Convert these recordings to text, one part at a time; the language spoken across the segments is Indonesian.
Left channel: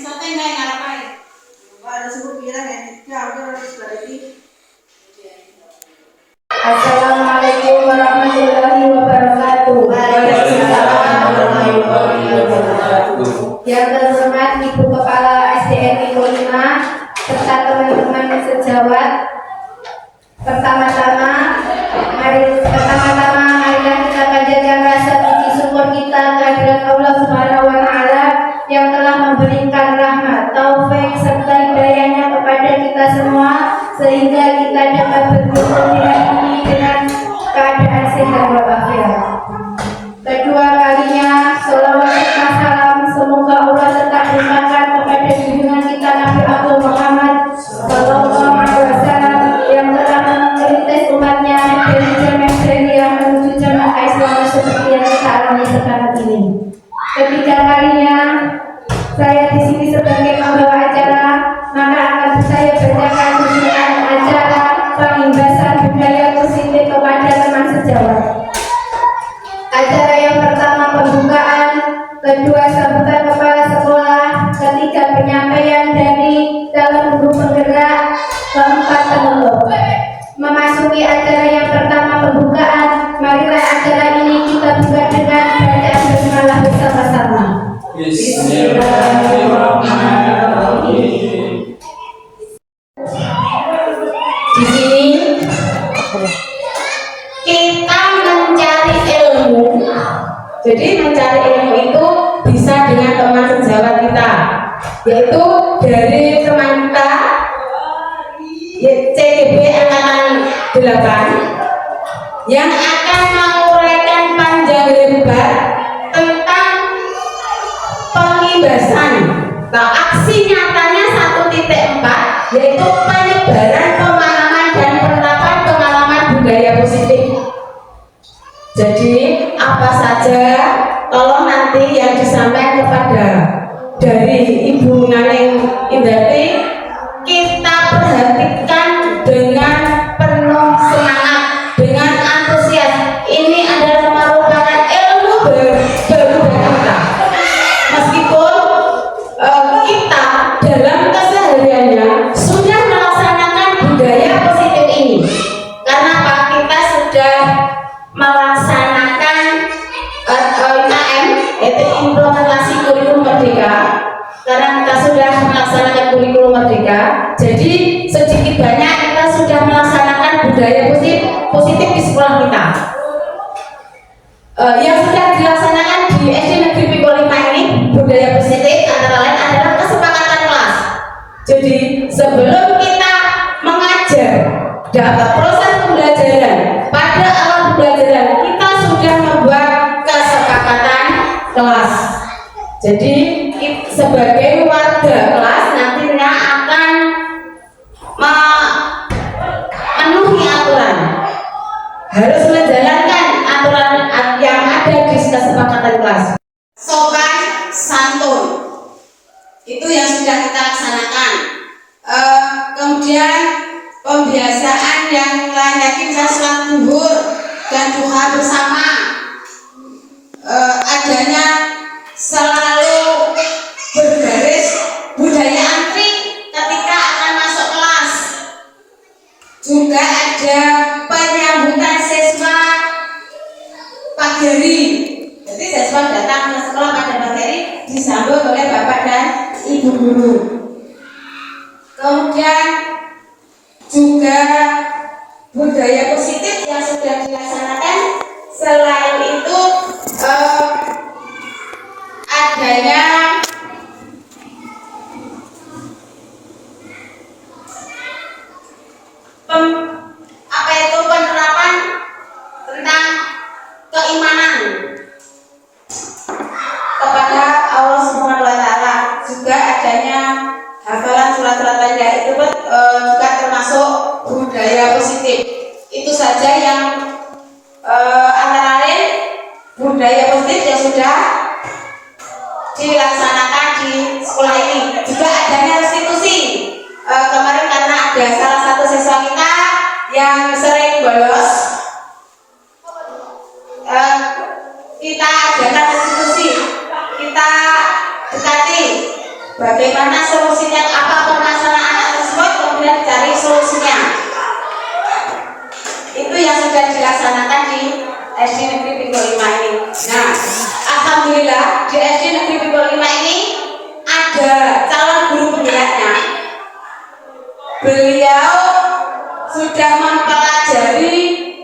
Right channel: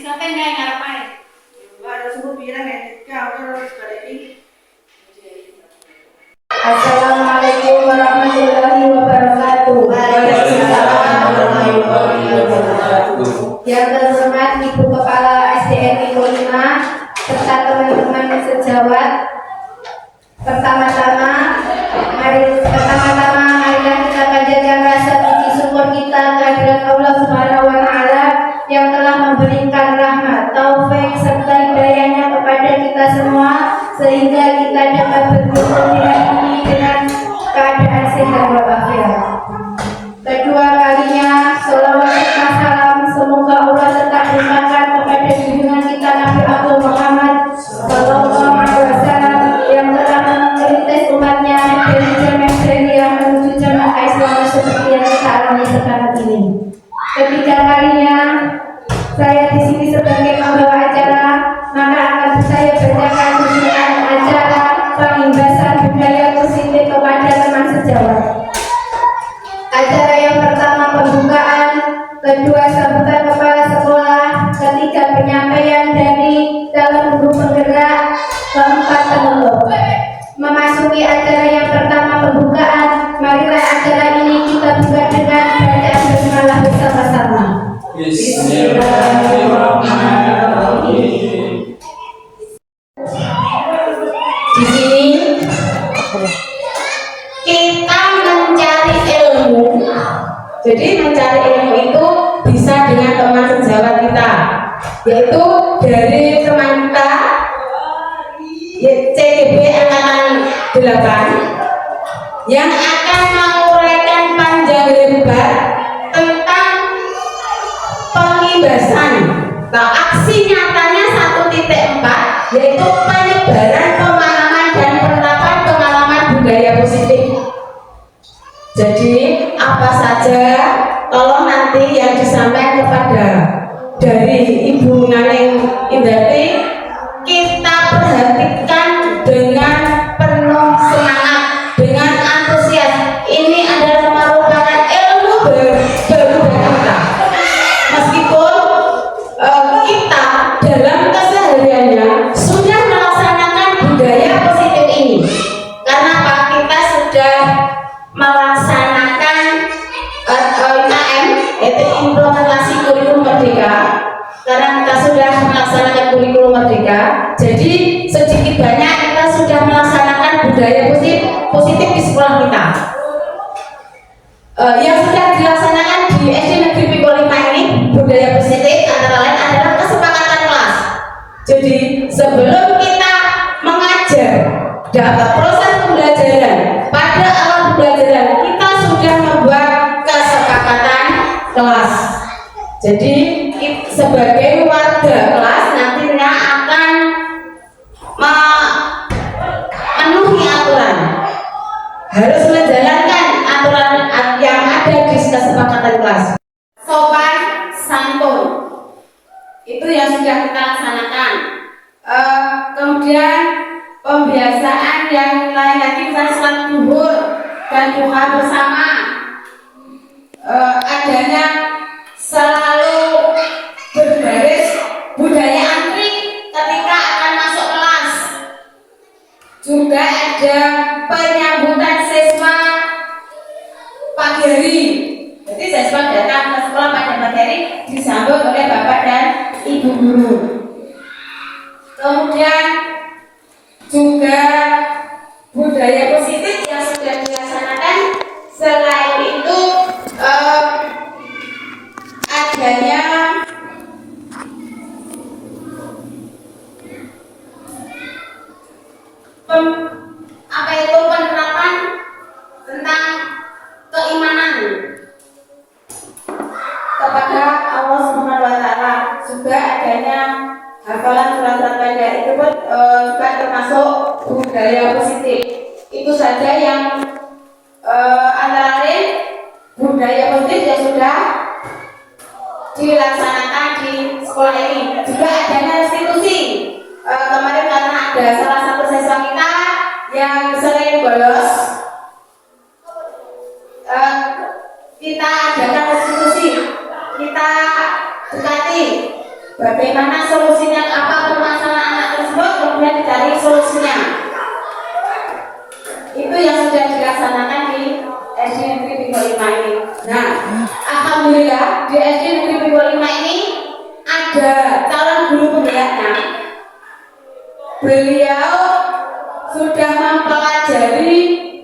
sampai nggak ngapain? Ada sebut bilang ya, aku harus balik. Assalamualaikum warahmatullahi wabarakatuh. Waalaikumsalam warahmatullahi wabarakatuh. Yang terhormat Ibu Kepala SDN 5 serta teman-teman sejawat. Pertama-tama marilah kita panjatkan rasa puji syukur kita kehadirat Allah Subhanahu wa taala yang telah memberikan rahmat, taufik serta hidayahnya kepada kita semua sehingga kita dapat berkumpul di hari ini dengan keadaan sehat walafiat. Kedua kalinya, sholawat serta salam semoga Allah tetap limpahkan kepada junjungan kita Nabi Abdul Muhammad Sallallahu Alaihi Wasallam yang telah merintis umatnya dari zaman jahiliyah menuju zaman keislaman seperti yang kita alami sekarang ini. Ketiga kalinya, saya di sini sebagai pembawa acara, maka akan saya bacakan susunan acara pengimbasan budaya positif kepada teman sejawat. Acara yang pertama pembukaan, kedua sambutan kepala sekolah, ketiga penyampaian dari dalam guru penggerak, keempat penutup. Memasuki acara yang pertama pembukaan, marilah acara ini kita buka dengan bacaan basmalah bersama-sama. Bismillahirrahmanirrahim. Di sini kita mencari ilmu. Jadi mencari ilmu itu bisa dengan teman sejawat kita, yaitu dari teman kita CDB angkatan 8 yang akan menguraikan panjang lebar tentang pengimbasan atau aksi nyatanya 1.4, yaitu penyebaran pemahaman dan penerapan pengalaman budaya positif. Jadi apa saja tolong nanti yang disampaikan kepada dari Ibu Naneng Indarti kita perhatikan dengan penuh semangat, dengan antusias. Ini adalah merupakan ilmu baru kita. Meskipun kita dalam kesehariannya sudah melaksanakan budaya positif ini, karena Pak kita sudah melaksanakan IKM, yaitu implementasi kurikulum merdeka. Karena kita sudah melaksanakan kurikulum merdeka, jadi sedikit banyak kita sudah melaksanakan budaya positif di sekolah kita. Yang sudah dilaksanakan di SD Negeri Pikul 5 ini budaya positif antara lain adalah kesepakatan kelas. Jadi sebelum kita mengajar dalam proses pembelajaran pada awal pembelajaran kita sudah membuat kesepakatan kelas. Jadi sebagai warga kelas nantinya akan memenuhi aturan, harus menjalankan aturan yang ada di kesepakatan kelas. Sopan santun itu yang sudah kita laksanakan. Kemudian pembiasaan yang lain lagi misalnya sholat zuhur dan duha bersama, adanya selalu berbaris budaya antri ketika akan masuk kelas. Juga ada penyambutan siswa pagi hari. Jadi siswa datang ke sekolah pada pagi hari disambut oleh bapak dan ibu guru. Kemudian juga budaya positif yang sudah dilaksanakan. Selain itu adanya penerapan tentang keimanan kepada Allah Subhanahu wa taala. Juga adanya hafalan surat-surat baca itu juga termasuk budaya positif. Itu saja yang antara lain budaya positif yang sudah dilaksanakan di sekolah ini. Juga adanya restitusi. Kemarin karena ada salah satu siswa kita yang sering bolos, kita adakan restitusi, kita dekati bagaimana solusinya, apa permasalahan anak tersebut, kemudian dicari solusinya. Itu yang sudah dilaksanakan di SD Negeri Pinggo 5 ini. Nah, alhamdulillah di SD Negeri Pinggo 5 ini ada calon guru penggeraknya. Beliau sudah mempelajari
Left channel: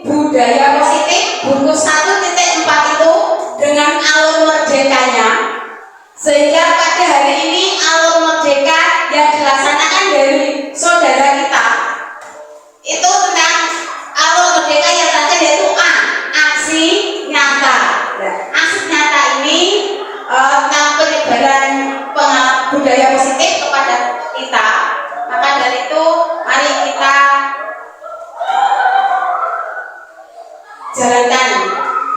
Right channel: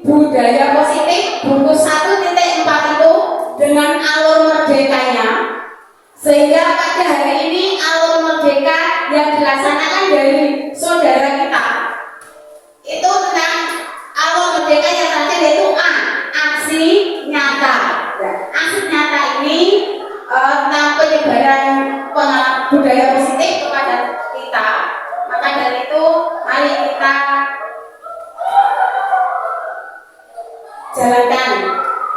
budaya positif bungkus 1.4 itu dengan alur merdekanya, sehingga pada hari ini alur merdeka yang dilaksanakan dari saudara kita itu tentang alur merdeka yang tadi yaitu A, aksi nyata. Nah, aksi nyata ini tentang penyebaran budaya positif kepada kita. Maka dari itu mari kita jalankan,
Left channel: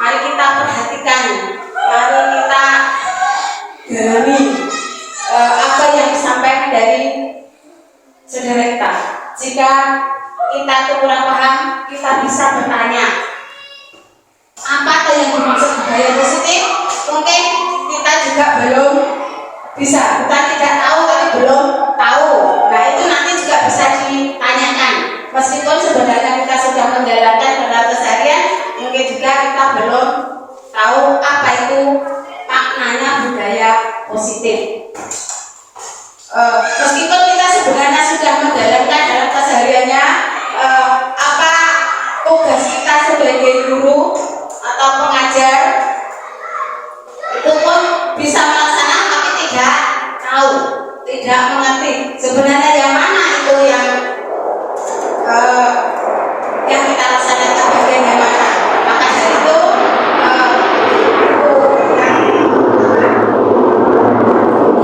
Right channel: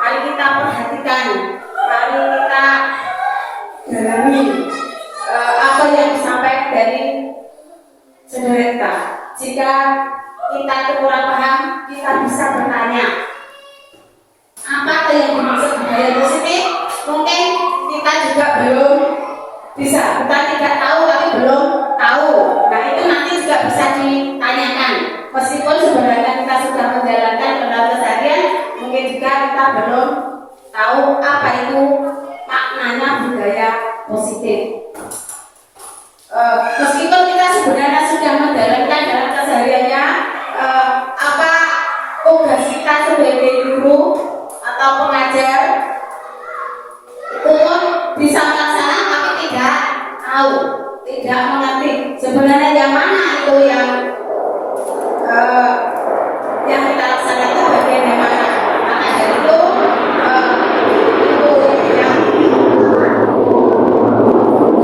mari kita perhatikan, mari kita dalami apa yang disampaikan dari saudara kita. Jika kita kurang paham, kita bisa bertanya apa yang dimaksud budaya positif. Mungkin kita juga belum bisa, bukan tidak tahu tapi belum tahu. Nah, itu nanti juga bisa ditanyakan. Meskipun sebenarnya kita sudah menjalankan dalam keseharian, mungkin juga kita belum tahu apa itu maknanya budaya positif. Meskipun kita sebenarnya sudah menjalankan dalam kesehariannya, apa tugas kita sebagai guru atau pengajar itu pun bisa melaksanakan tapi tidak tahu, tidak mengerti sebenarnya yang mana itu yang kita laksanakan bagian yang mana. Maka dari itu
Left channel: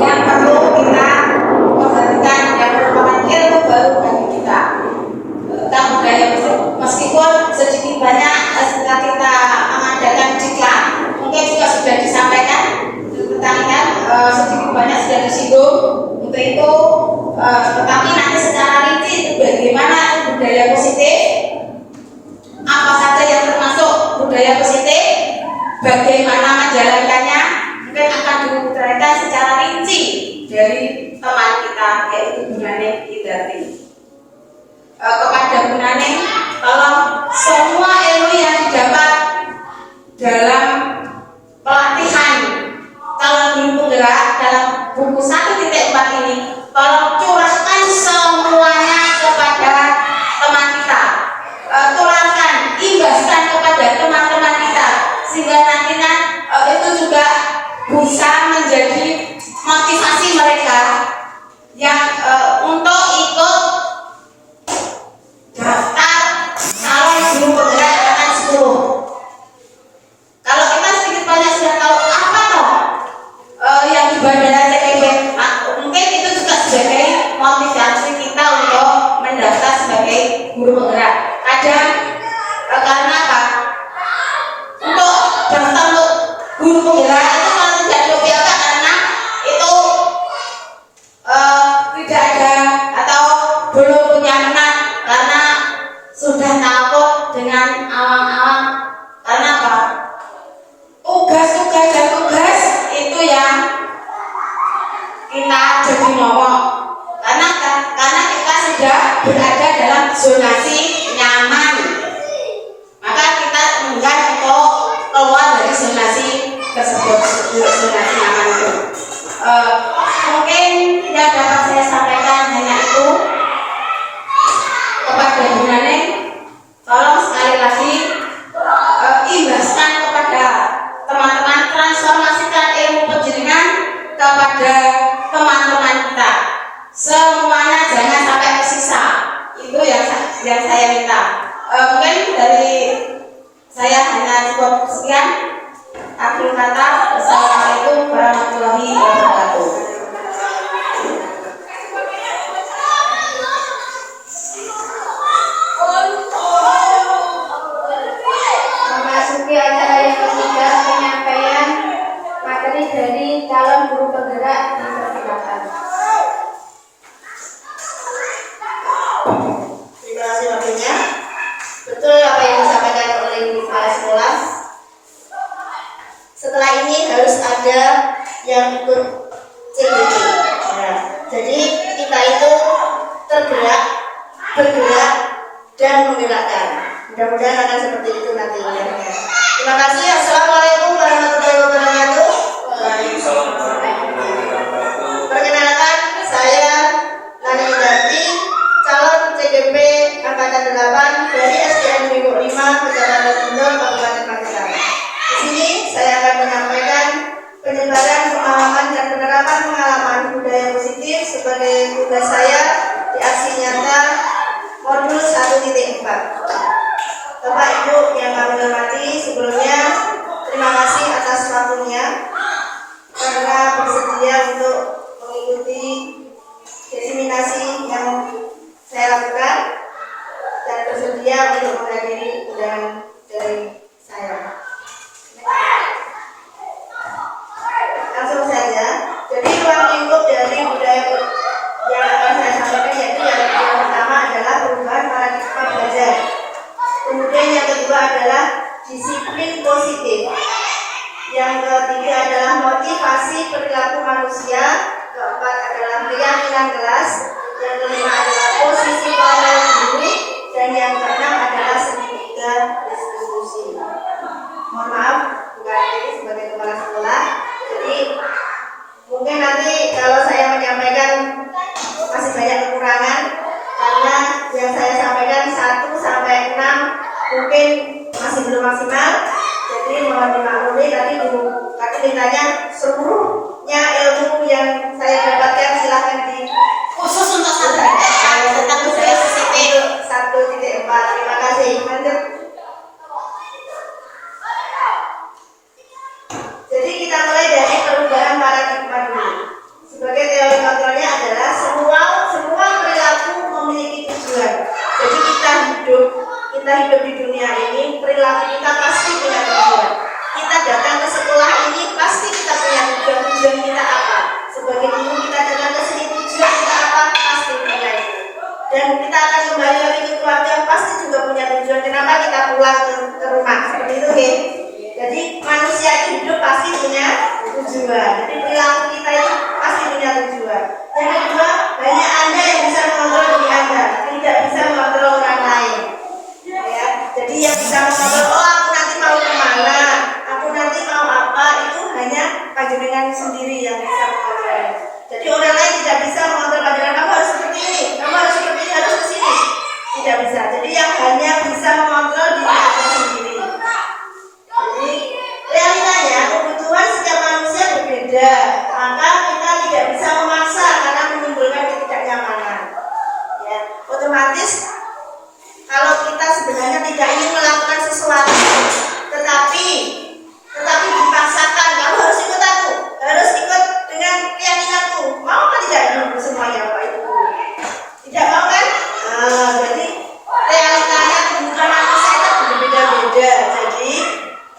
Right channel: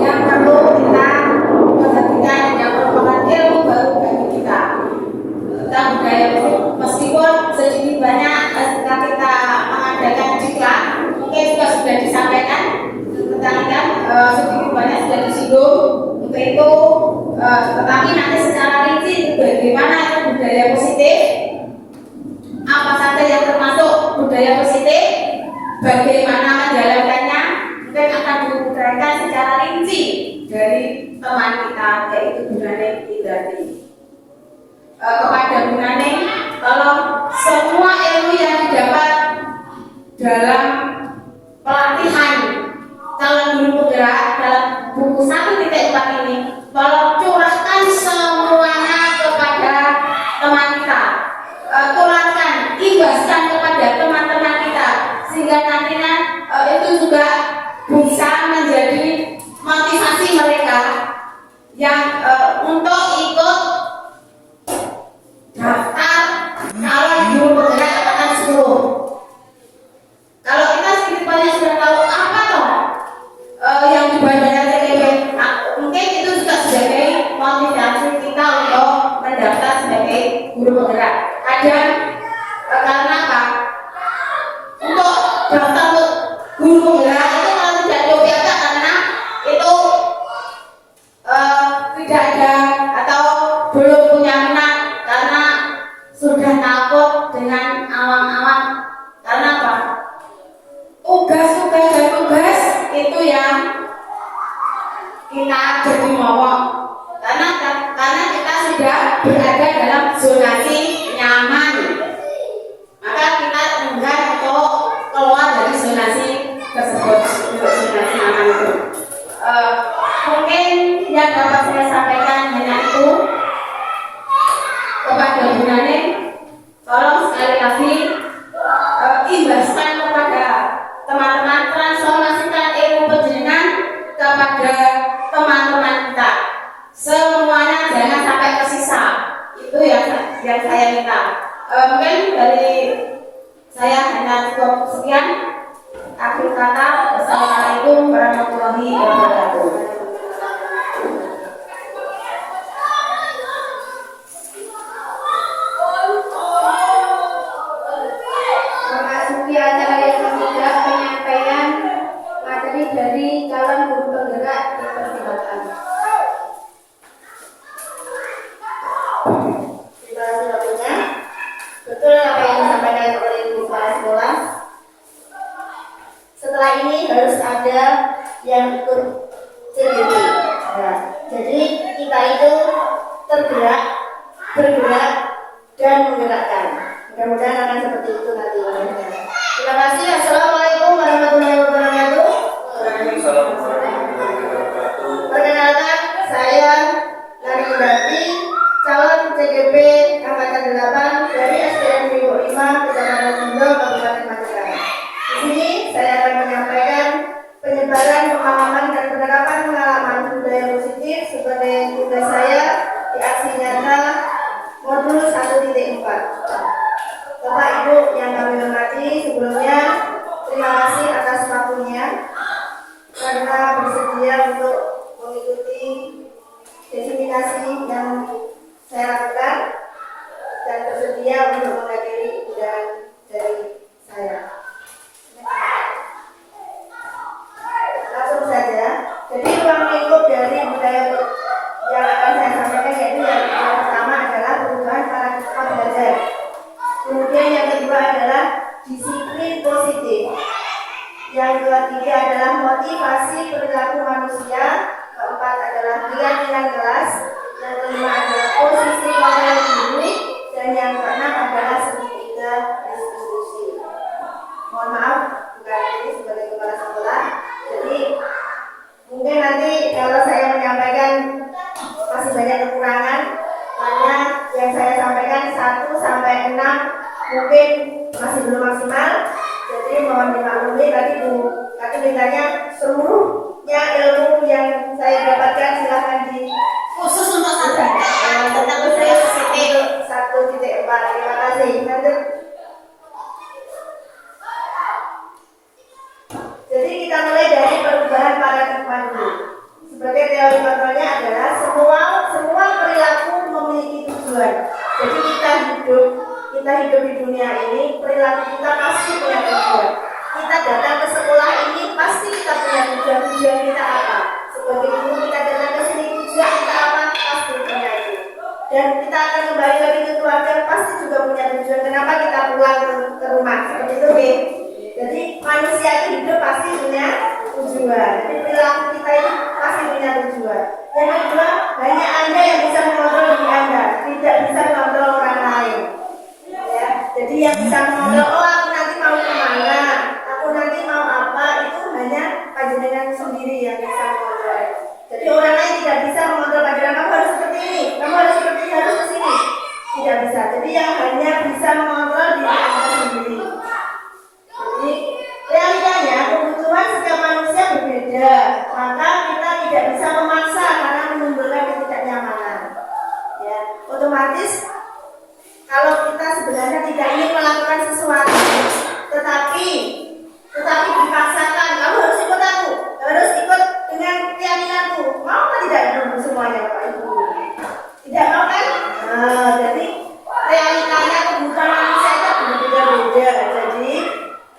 yang perlu kita perhatikan, yang merupakan ilmu baru bagi kita tentang budaya meskipun sedikit banyak setelah kita mengadakan diklat mungkin juga sudah disampaikan tentang sedikit banyak sudah disinggung untuk itu, tetapi nanti secara rinci itu bagaimana budaya positif, apa saja yang termasuk budaya positif, bagaimana menjalankannya, mungkin akan diuraikan secara rinci dari teman kita yaitu Bu Naning Indarti. Kepada Bu Naning, tolong semua ilmu yang didapat dalam pelatihan calon guru penggerak dalam buku 1.4 ini, tolong curahkan semuanya kepada teman kita, tularkan, imbaskan kepada teman-teman kita, sehingga nantinya itu juga bisa menjadi motivasi mereka yang untuk ikut daftar calon guru penggerak angkatan 10. Kalau kita sedikit banyak sudah tahu apa toh yang di Bandara TKP, mungkin itu juga sebagai motivasi kita untuk mendaftar sebagai guru penggerak. Kadang karena apa? Untuk daftar guru penggerak itu kalau tidak diupayakan karena itu tidak ada atau belum punya minat, karena sudah takut dengan awang-awang. Karena apa? Tugas-tugas dan tugas itu yang kita jadi ngomong, karena kita sudah berada dalam zonasi nyaman, maka kita enggan untuk keluar dari zonasi tersebut, zonasi nyaman itu. Mungkin yang dapat saya sampaikan hanya itu. Kepada Bu Naning, tolong sekali lagi imbaskan kepada teman-teman, transformasikan ilmu penjenengan kepada teman-teman kita. Semuanya jangan sampai tersisa. Itu yang saya minta. Mungkin dari saya hanya cukup sekian. Akhir kata, Assalamualaikum warahmatullahi wabarakatuh. mudah-mudahan akan seperti itu nanti. Terima kasih. Assalamualaikum warahmatullahi wabarakatuh. Perkenalkan, saya Nani Indarti, calon CGP Angkatan 8 dari SDN Mimuk 5, Kecamatan Bendol, Kabupaten Magelang. Di sini saya akan menyampaikan penyebaran pemahaman dan penerapan pengalaman budaya positif sebagai tugas saya di aksi nyata modul 1.4. Bapak Ibu yang kami hormati, sebelumnya terima kasih atas waktunya karena bersedia untuk mengikuti diseminasi yang saya lakukan dan bersedia untuk menghadiri undangan dari saya. Langsung saja. Jadi ruang lingkup dari budaya yang akan saya sampaikan yaitu yang pertama adalah perubahan paradigma belajar. Kemudian yang kedua adalah disiplin positif. Yang ketiga adalah motivasi perilaku manusia. Keempat adalah keyakinan kelas. Yang kelima adalah posisi moral guru. Dan yang keenam adalah segitiga distribusi. Mohon maaf, bukan ini sebagai kepala sekolah. Jadi mungkin nanti kalau saya menyampaikan masih banyak kekurangan karena yang saya sampaikan 1 sampai 6 mungkin masih belum maksimal. Jadi mohon dimaklumi, tadi Bu Kati mintanya seluruhnya ilmu yang saya dapatkan silahkan di Khusus untuk saudara tentang budaya positif 1.4. Terima kasih. Lanjut. Jadi kita mulai dari perubahan paradigma dulu. Sebagai teori kontrolnya adalah semua perilaku memiliki tujuan. Jadi kita hidup di dunia ini, perilaku kita pasti punya tujuan. Kita datang ke sekolah ini pasti kita punya tujuan kita apa. Sebagai guru kita datang ke sini tujuan kita apa, pasti punya itu. Dan kita akan kembali lagi ke keluarga pasti juga punya tujuan. Kenapa kita pulang ke rumah seperti itu, ya? Jadi manusia hidup pasti punya tujuan. Jadi perilaku kita itu pasti punya tujuan. Yang kedua, hanya Anda yang bisa mengontrol diri Anda, tidak bisa mengontrol orang lain. Ya, jadi yang bisa mengontrol, oh aku nanti mau kemana, aku nanti mau apa, itu hanya panjenengan sendiri yang bisa mengontrol. Jadi orang lain tidak bisa mengontrol panjenengan, kamu harus seperti ini, kamu harus seperti ini, harus ke sini. Tidak bisa. Jadi yang hanya bisa mengontrol diri Anda sendiri. Jadi realitanya kebutuhan setiap manusia berbeda, maka kita tidak bisa memaksa karena menimbulkan ketidaknyamanan. Ya, otomatis kalau kita sebenarnya tidak ingin melakukan sesuatu, tetapi dipaksakan, kamu harus ikut aku, harus ikut dengan keyakinanku, mau apa tidak dulu semuanya Bapak Ibu? Tidak mau kan? Nah, jadi realitanya kebutuhan manusia itu berbeda-beda. Jadi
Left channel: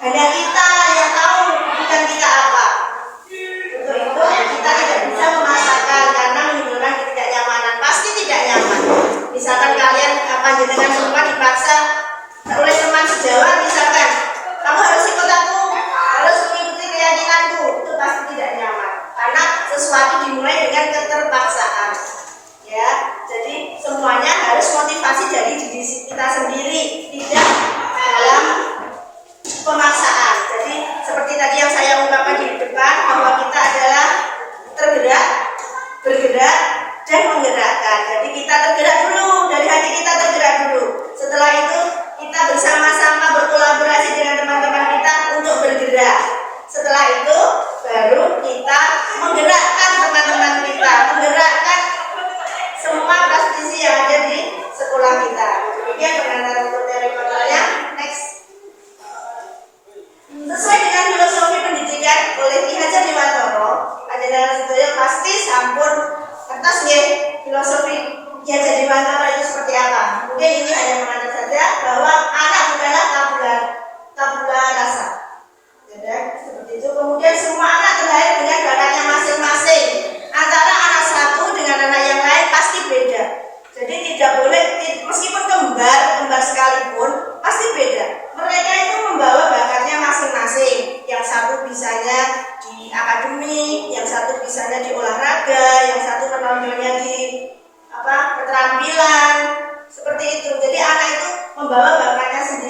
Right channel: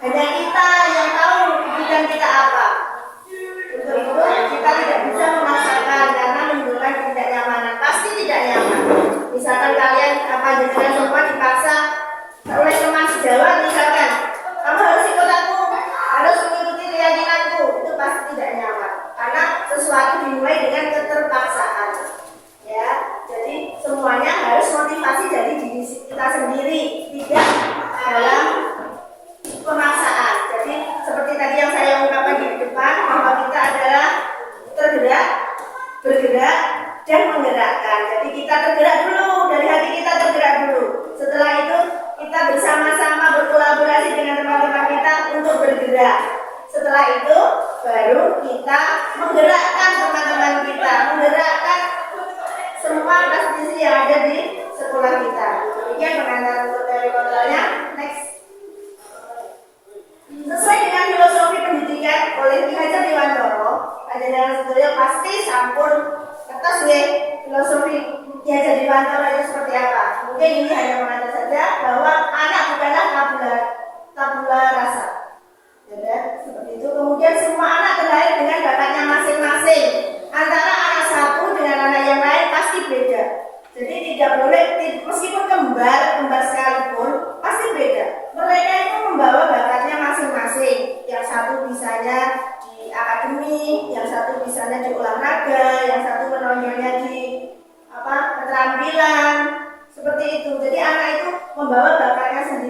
hanya kita yang tahu kebutuhan kita apa. Untuk itu kita tidak bisa memaksakan karena menimbulkan ketidaknyamanan. Pasti tidak nyaman. Misalkan kalian jenengan semua dipaksa oleh teman sejawat, misalkan kamu harus ikut aku, harus mengikuti keyakinanku, itu pasti tidak nyaman. Karena sesuatu dimulai dengan keterpaksaan. Ya, jadi semuanya harus motivasi dari diri kita sendiri, tidak dalam pemaksaan. Jadi seperti tadi yang saya ungkapkan di depan, bahwa kita adalah tergerak, bergerak, dan menggerakkan. Jadi kita tergerak dulu, dari hati kita tergerak dulu. Setelah itu kita bersama-sama berkolaborasi dengan teman-teman kita untuk bergerak. Setelah itu baru kita menggerakkan teman-teman kita, menggerakkan semua praktisi yang ada di sekolah kita. Demikian pengantar untuk teori kontrolnya. Next. Sesuai dengan filosofi pendidikan oleh Ki Hajar Dewantara, panjenengan sedaya pasti sampun atas filosofi Ki Hajar Dewantara itu seperti apa. Mungkin ini hanya mengajar saja bahwa anak bukanlah tabula rasa. Jadi seperti itu. Kemudian semua anak terlahir dengan bakatnya masing-masing. Antara anak satu dengan anak yang lain pasti beda. Jadi tidak boleh, meskipun kembar sekalipun pasti beda. Mereka itu membawa bakatnya masing-masing. Yang satu bisanya di akademik, yang satu bisanya di olahraga, yang satu menonjolnya di keterampilan, seperti itu. Jadi anak itu membawa bakatnya sendiri.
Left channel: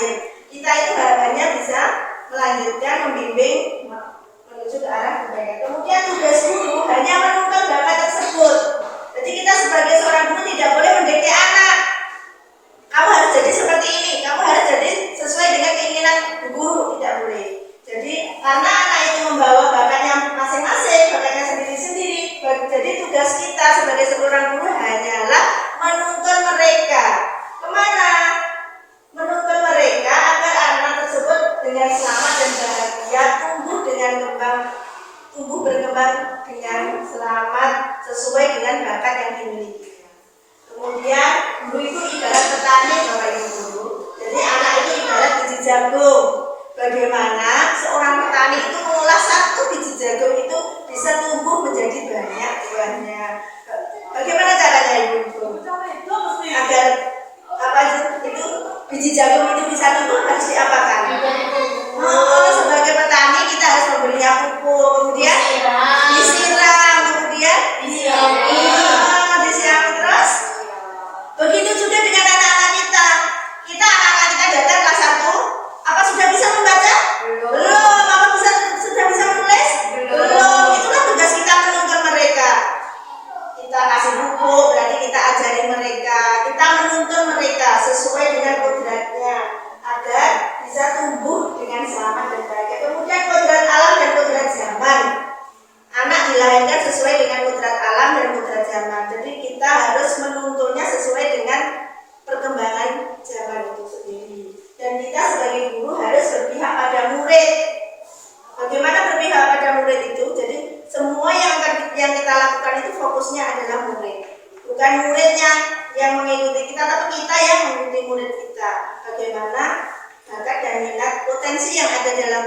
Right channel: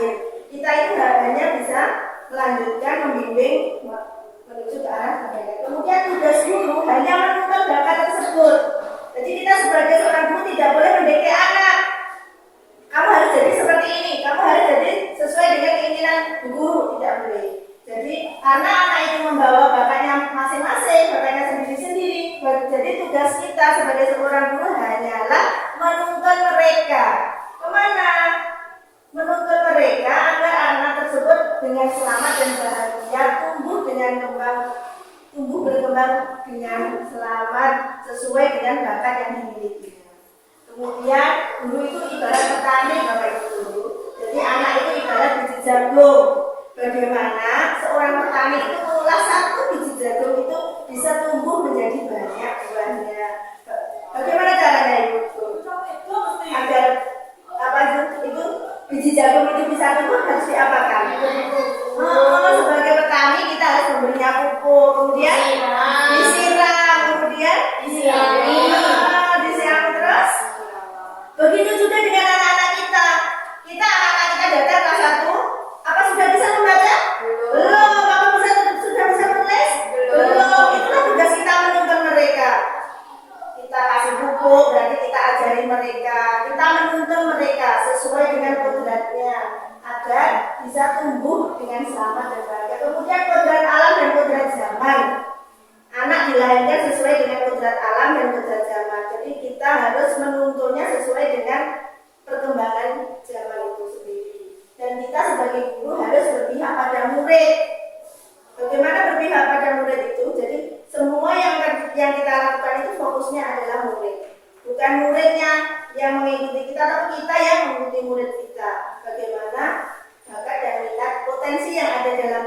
akhir. Kita itu hanya bisa melanjutkan membimbing menuju ke arah kebaikan. Kemudian tugas guru hanya menemukan bakat tersebut. Jadi kita sebagai seorang guru tidak boleh mendikte anak. Kamu harus jadi seperti ini, kamu harus jadi sesuai dengan keinginan guru, tidak boleh. Jadi anak-anak itu membawa bakatnya masing-masing, bakatnya sendiri-sendiri. Jadi tugas kita sebagai seorang guru hanyalah menuntun mereka kemana? Menuntun mereka agar anak tersebut dengan selamat dan bahagia tumbuh berkembang dengan selamat sesuai dengan bakat yang dimilikinya. Kemudian guru itu ibarat petani, Bapak Ibu guru. Jadi anak itu ibarat biji jagung. Bagaimana seorang petani itu mengolah satu biji jagung itu bisa tumbuh menjadi banyak buahnya. Bagaimana caranya Ibu? Agar itu biji jagung itu bisa tumbuh harus diapakan? Sebagai petani kita harus memberinya pupuk, kemudian disiram, kemudian disiram terus. Begitu juga dengan anak-anak kita. Anak-anak kita datang kelas 1, apa sudah bisa membaca? Belum. Apa sudah bisa menulis? Belum. Itulah tugas kita menuntun mereka. Kita kasih buku, berarti kita ajari mereka. Kita menuntun mereka sesuai dengan kodratnya agar bisa tumbuh dengan selamat dan bahagia. Kemudian kodrat alam dan kodrat zaman. Anak dilahirkan sesuai dengan kodrat alam dan kodrat zaman. Jadi kita harus menuntunnya sesuai dengan perkembangan zaman itu sendiri. Dan kita sebagai guru harus berpihak pada murid. Bagaimana berpihak pada murid itu? Jadi semua yang kita lakukan itu fokusnya adalah murid. Bukan muridnya yang mengikuti kita, tapi kita yang mengikuti murid kita. Bagaimana bakat dan minat potensi yang ada dalam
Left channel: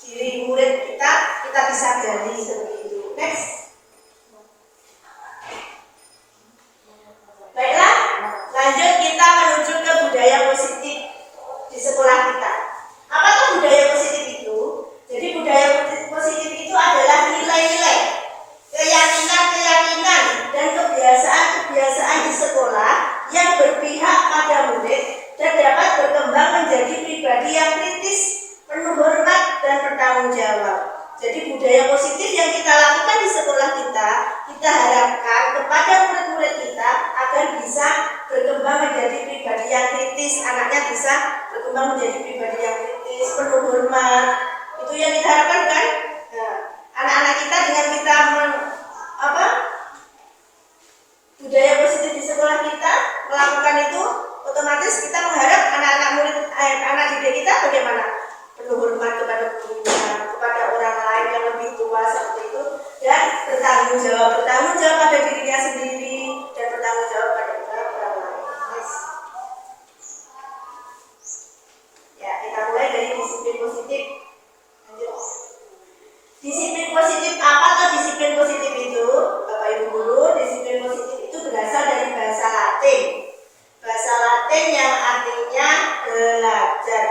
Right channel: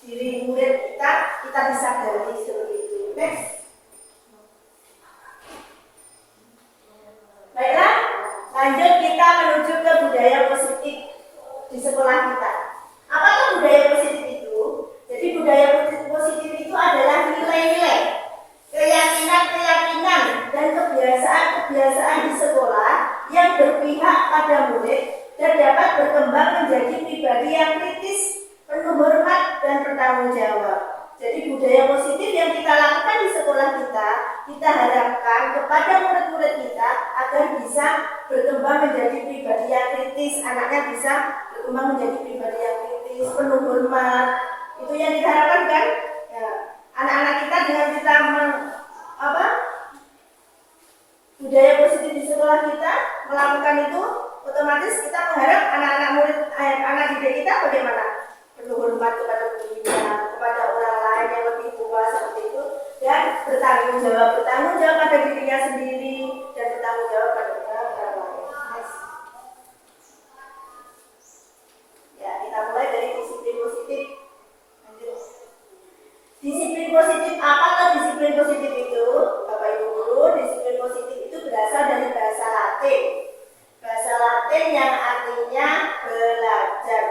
diri murid kita bisa gali seperti itu. Next. Baiklah, lanjut kita menuju ke budaya positif di sekolah kita. Apakah budaya positif itu? Jadi budaya positif itu adalah nilai-nilai, keyakinan dan kebiasaan di sekolah yang berpihak pada murid dan dapat berkembang menjadi pribadi yang kritis, penuh hormat dan bertanggung jawab. Jadi budaya positif yang kita lakukan di sekolah kita harapkan kepada murid-murid kita agar bisa berkembang menjadi pribadi yang kritis, anaknya bisa berkembang menjadi pribadi yang kritis, penuh hormat. Itu yang kita harapkan kan? Nah, anak-anak kita dengan kita budaya positif di sekolah kita melakukan itu, otomatis kita mengharap anak didik kita bagaimana? Penuh hormat kepada gurunya, kepada orang lain yang lebih tua seperti itu, dan bertanggung jawab pada dirinya sendiri dan bertanggung jawab pada orang lain. Nice. Ya, kita mulai dari disiplin positif. Lanjut. Disiplin positif, apa tuh disiplin positif itu? Bapak Ibu guru, disiplin positif itu berasal dari bahasa Latin. Bahasa Latin yang artinya belajar.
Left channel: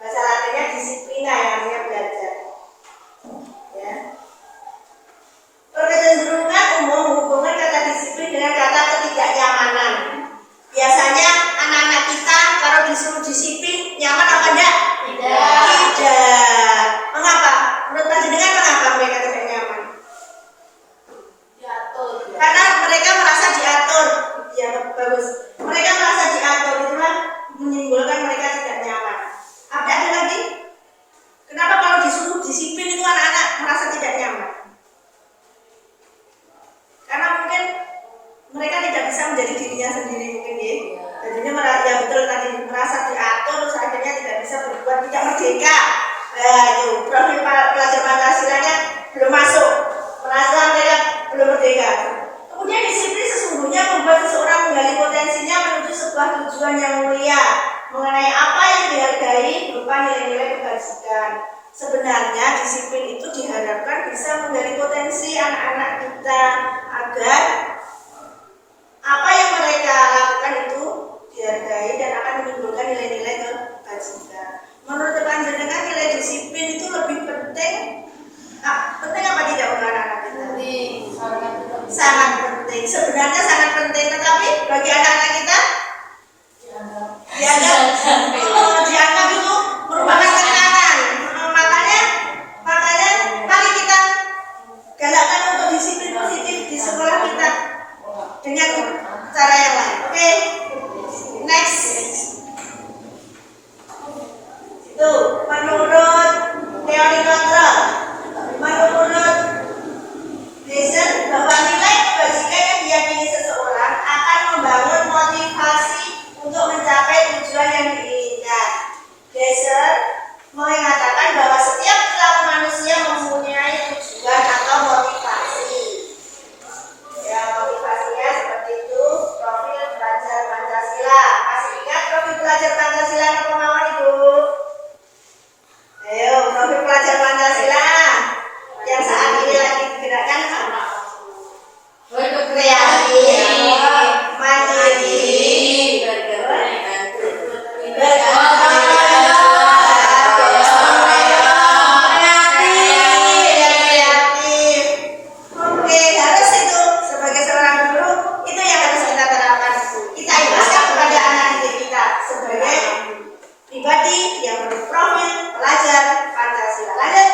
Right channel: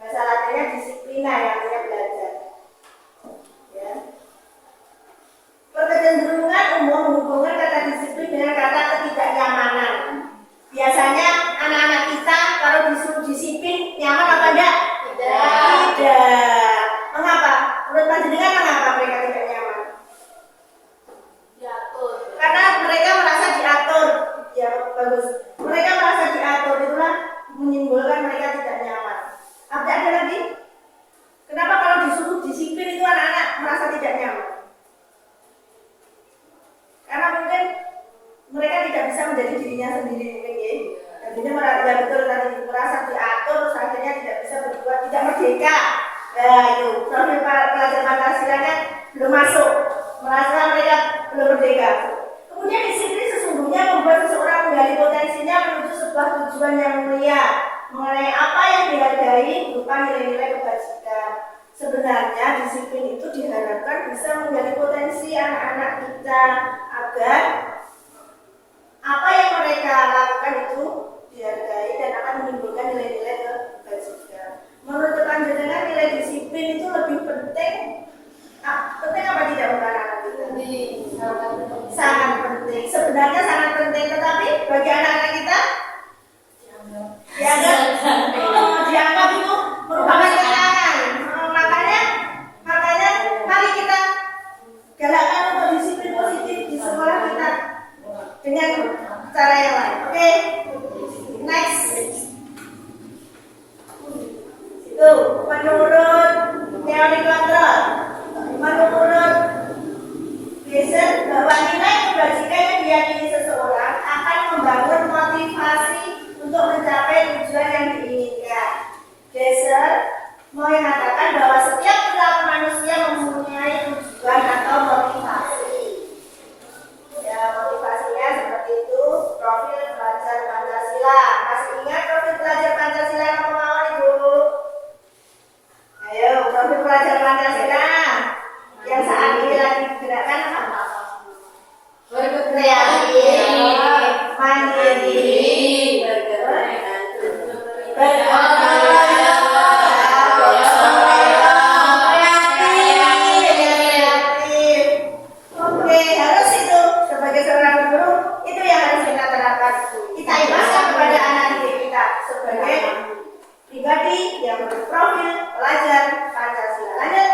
Bahasa Latinnya disiplina, yang artinya belajar. Ya. Kecenderungan umum menghubungkan kata disiplin dengan kata ketidaknyamanan. Biasanya anak-anak kita kalau disuruh disiplin nyaman apa enggak? Tidak. Mengapa? Menurut panjenengan mengapa mereka tidak nyaman? Diatur. Karena mereka merasa diatur. Ya, bagus. Mereka merasa diatur, itulah menimbulkan mereka tidak nyaman. Ada lagi? Kenapa kalau disuruh disiplin itu anak-anak merasa tidak nyaman? Karena mungkin mereka tidak bisa menjadi dirinya sendiri mungkin ya. Jadinya ya betul tadi merasa diatur, terus akhirnya tidak bisa berbuat, tidak merdeka. Nah itu profil pelajar Pancasilanya belum masuk, merasa mereka belum merdeka. Kemudian disiplin sesungguhnya membuat seseorang menggali potensinya menuju sebuah tujuan yang mulia mengenai apa yang dihargai berupa nilai-nilai kebajikan. Sebenarnya disiplin itu diharapkan bisa menggali potensi anak-anak kita agar apa yang mereka lakukan itu dihargai dan akan menimbulkan nilai-nilai kebajikan. Menurut panjenengan nilai disiplin itu lebih penting? Penting apa tidak untuk anak-anak kita? Sangat penting. Sebenarnya sangat penting, tetapi bagi anak-anak kita dianggap dengan cara yang lain. Oke, next. Itu menurut teori kontrol, menurut Gleason bahwa nilai kebajikan yang diyakini seseorang akan membangun motivasi untuk mencapai tujuan yang diinginkan. Gleason mengatakan bahwa setiap perilaku manusia mempunyai tujuan atau motivasi. Ya, motivasinya seperti itu. Profil pelajar Pancasila. Masih ingat profil pelajar Pancasila yang kemauan Ibu? Ayo, profil pelajar Pancasila yang saat ini lagi digerakkan apa? Berkreasi, mandiri, kreatif. Oke, harus itu sebagai seorang guru itu yang harus kita terapkan. Kita imbaskan kepada anak didik kita sebagai pribadi yang berprofil pelajar Pancasila. Lanjut.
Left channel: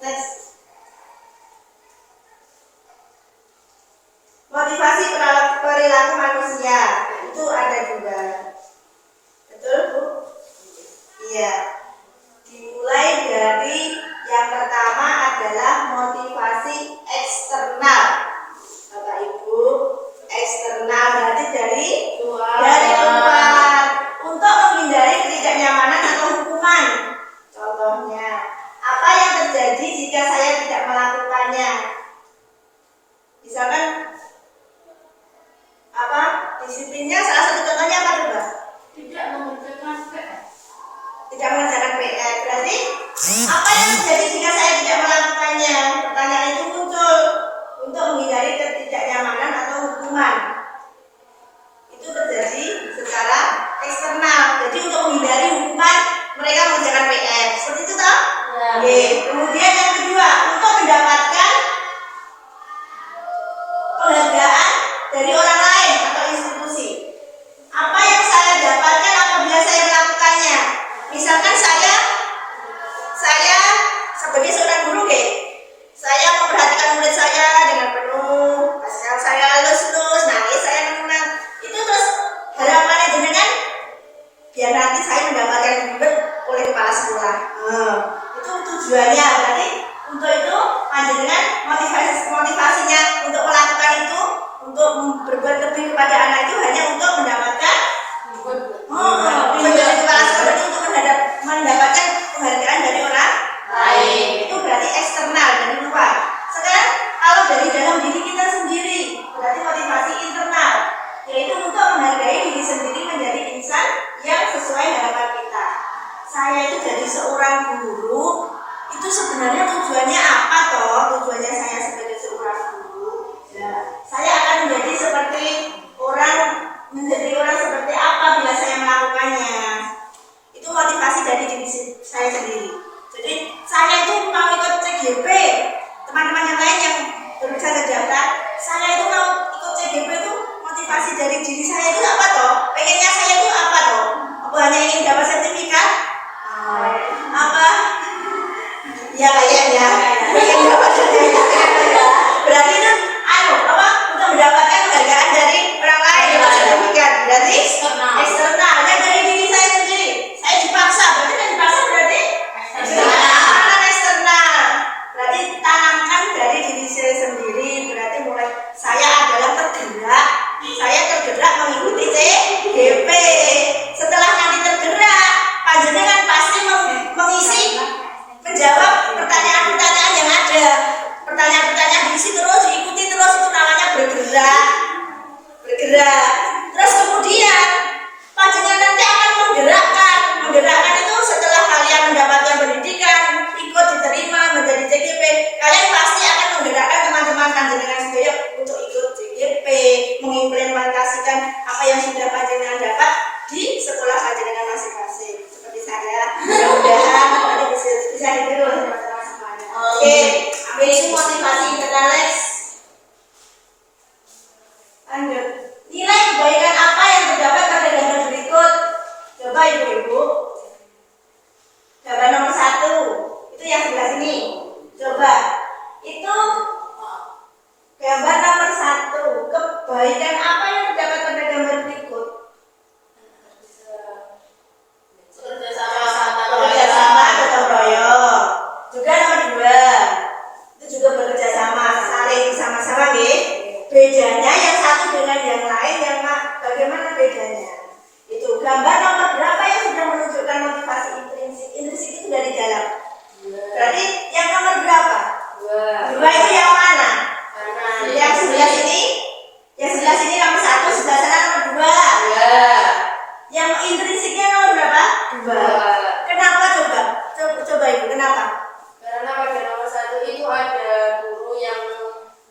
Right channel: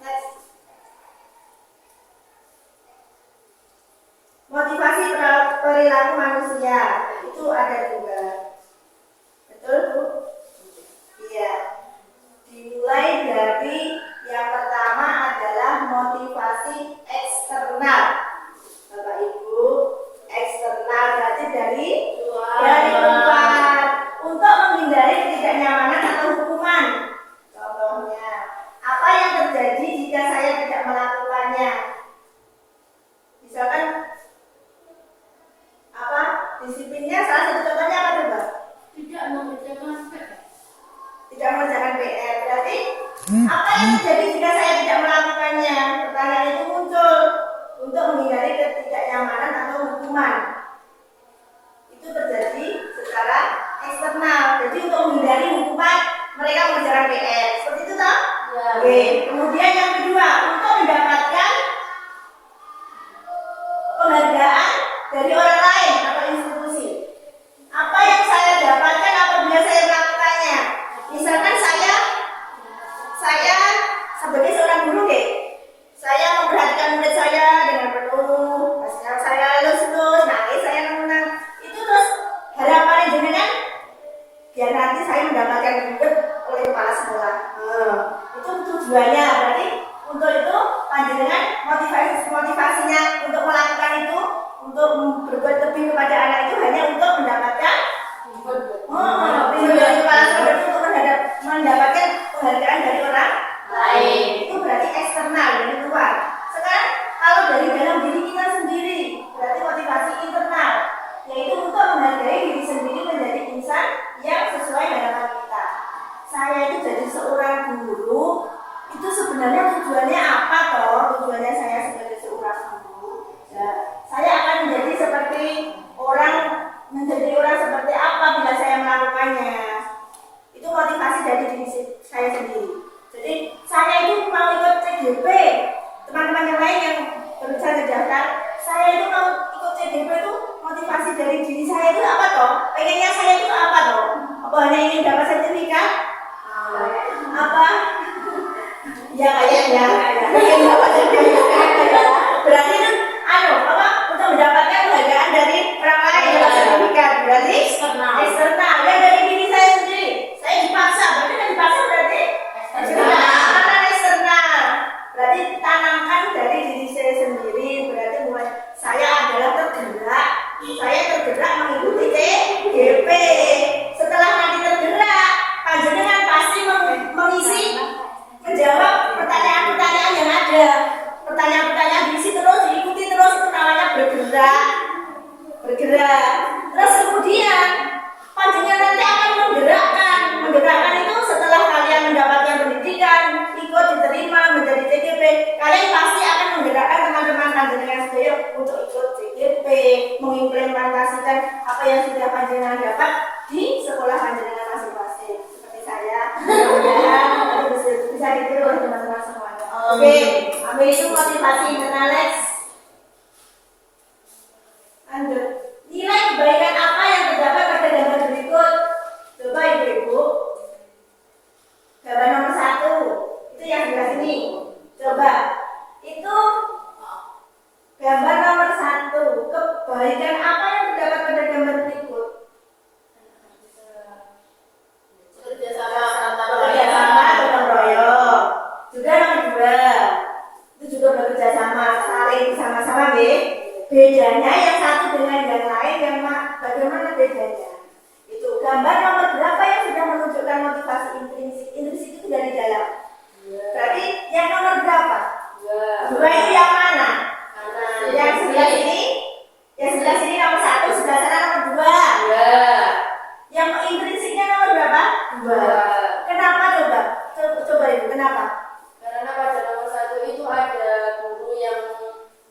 Next. Motivasi perilaku manusia itu ada juga. Betul, Bu? Iya. Dimulai dari yang pertama adalah motivasi eksternal. Bapak Ibu, eksternal berarti dari luar untuk menghindari ketidaknyamanan atau hukuman. Contohnya, apa yang terjadi jika saya tidak melakukannya? Misalkan apa? Disiplinnya salah satu contohnya apa coba? Tidak mengerjakan PR. Tidak mengerjakan PR. Berarti apa yang terjadi jika saya tidak melakukannya? Pertanyaan itu muncul untuk menghindari ketidaknyamanan atau hukuman. Itu terjadi secara eksternal. Jadi untuk menghindari hukuman mereka mengerjakan PR. Seperti itu toh? Ya. Oke. Kemudian yang kedua, untuk mendapatkan penghargaan dari orang lain atau institusi. Apa yang saya dapatkan apabila saya melakukannya? Misalkan saya sebagai seorang guru, saya memperhatikan murid saya dengan penuh, pasal saya lulus, nangis saya menang. Itu terus harapannya jenengan biar nanti saya mendapatkan reward oleh kepala sekolah. Itu tujuannya. Berarti untuk itu panjenengan motivasinya untuk melakukan itu, untuk berbuat lebih kepada anak itu hanya untuk mendapatkan dari kepala sekolah itu untuk mendapatkan penghargaan dari orang lain. Itu berarti eksternal dari luar. Sekarang kalau dari dalam diri kita sendiri berarti motivasi internal, yaitu untuk menghargai diri sendiri menjadi insan yang sesuai harapan kita. Saya itu jadi seorang guru itu sebenarnya tujuannya apa toh? Tujuannya saya sebagai seorang guru, saya akan menjadi orang seperti apa bila saya melakukannya. Itu motivasi dari diri saya sendiri. Jadi saya itu mau ikut CGP, teman-teman yang lain yang baru saja daftar, saya itu mau ikut CGP itu motivasi dari diri saya itu apa toh? Pengennya saya itu apa toh? Apa hanya ingin dapat sertifikat? Apa? Ya kayaknya ingin dapat sertifikat ya. Berarti kan untuk mendapatkan penghargaan dari orang lain dapat sertifikat. Berarti eksternal. Ya dari diri saya sendiri. Saya dipaksa. Berarti kan dipaksa berarti eksternal. Berarti tanamkan dari diri saya sendiri. Berarti mulai saya adalah tergerak. Saya tergerak mengikuti CGP. Setelah nanti tergerak, panjenengan pasti mengisi, menjawab pertanyaan-pertanyaan yang ada. Pertanyaan-pertanyaan diisi terus, diikuti terus, itu namanya bergerak. Terus kemudian panjenengan nanti akan menggerakkan itu setelah kalian mendapatkan pendidikan, ikut diterima menjadi CGP, kalian pasti akan menggerakkan teman-teman panjenengan sedaya untuk ikut CGP, mengimplementasikan apa yang sudah panjenengan dapat di sekolah panjenengan masing-masing. Seperti saya, mudah-mudahan nanti bisa ditiru oleh teman-teman semuanya. Oke, ambil itu motivasi internal. Lanjut. Nilai kebaikan apa yang terdapat pada gambar berikut? Coba ibu-ibu. Gambar nomor 1 itu yang sebelah sini. Coba itu gambar nomor 1. kebaikan apa yang terdapat pada gambar berikut? Bekerja sama, gotong royong. Juga nomor 2, itu juga bekerja sama, saling bersama-sama, nggih. Bedanya yang satu dengan yang lain, bagaimana bedanya? Itu gambar nomor berapa yang sudah menunjukkan motivasi intrinsik? Intrinsik itu dari dalam. Berarti yang nomor berapa? 2 itu yang mana? Yang sebelah sini? Yang sebelah sini nomor 1, sebelah sana nomor 2. Yang intrinsiknya nomor berapa? 2. Kenapa coba? Coba Ibu, kenapa? Karena pada nomor 1 itu ada guru yang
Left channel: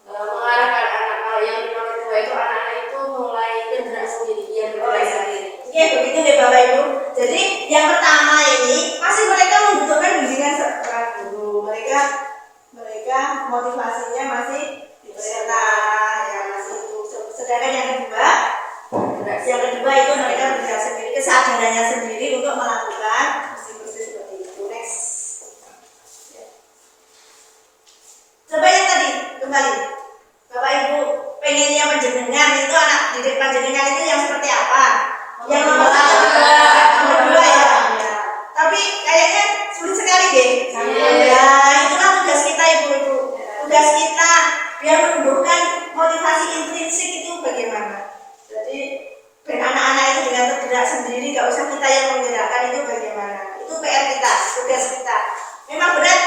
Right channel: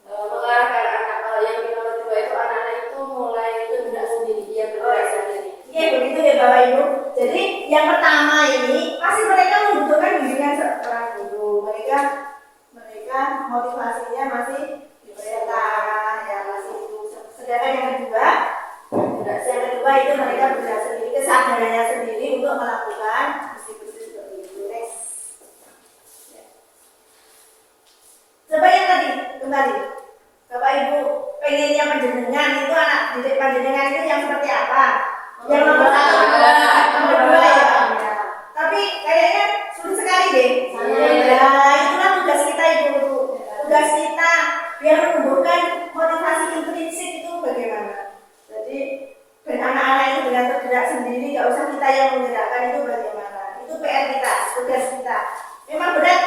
mengarahkan anak. Kalau yang di nomor 2 itu anak-anak itu mulai bergerak sendiri, dia bergerak sendiri. Oke, begitu ya Bapak Ibu. Jadi yang pertama ini masih mereka membutuhkan bimbingan seorang guru. Mereka motivasinya masih diperintah, ya masih itu. Sedangkan yang kedua itu mereka bergerak sendiri, kesadarannya sendiri untuk melakukan bersih-bersih seperti itu. Next. Coba yang tadi kembali. Bapak Ibu pengennya panjenengan itu anak didik panjenengan itu yang seperti apa? Yang nomor 1, nomor 2 ya. Tapi kayaknya sulit sekali deh. Ya, itulah tugas kita Ibu. Tugas kita biar menumbuhkan motivasi intrinsik itu bagaimana. Jadi anak-anak itu dengan tergerak sendiri, nggak usah kita yang menggerakkan, itu bagaimana. Itu PR kita, tugas kita. Memang berat,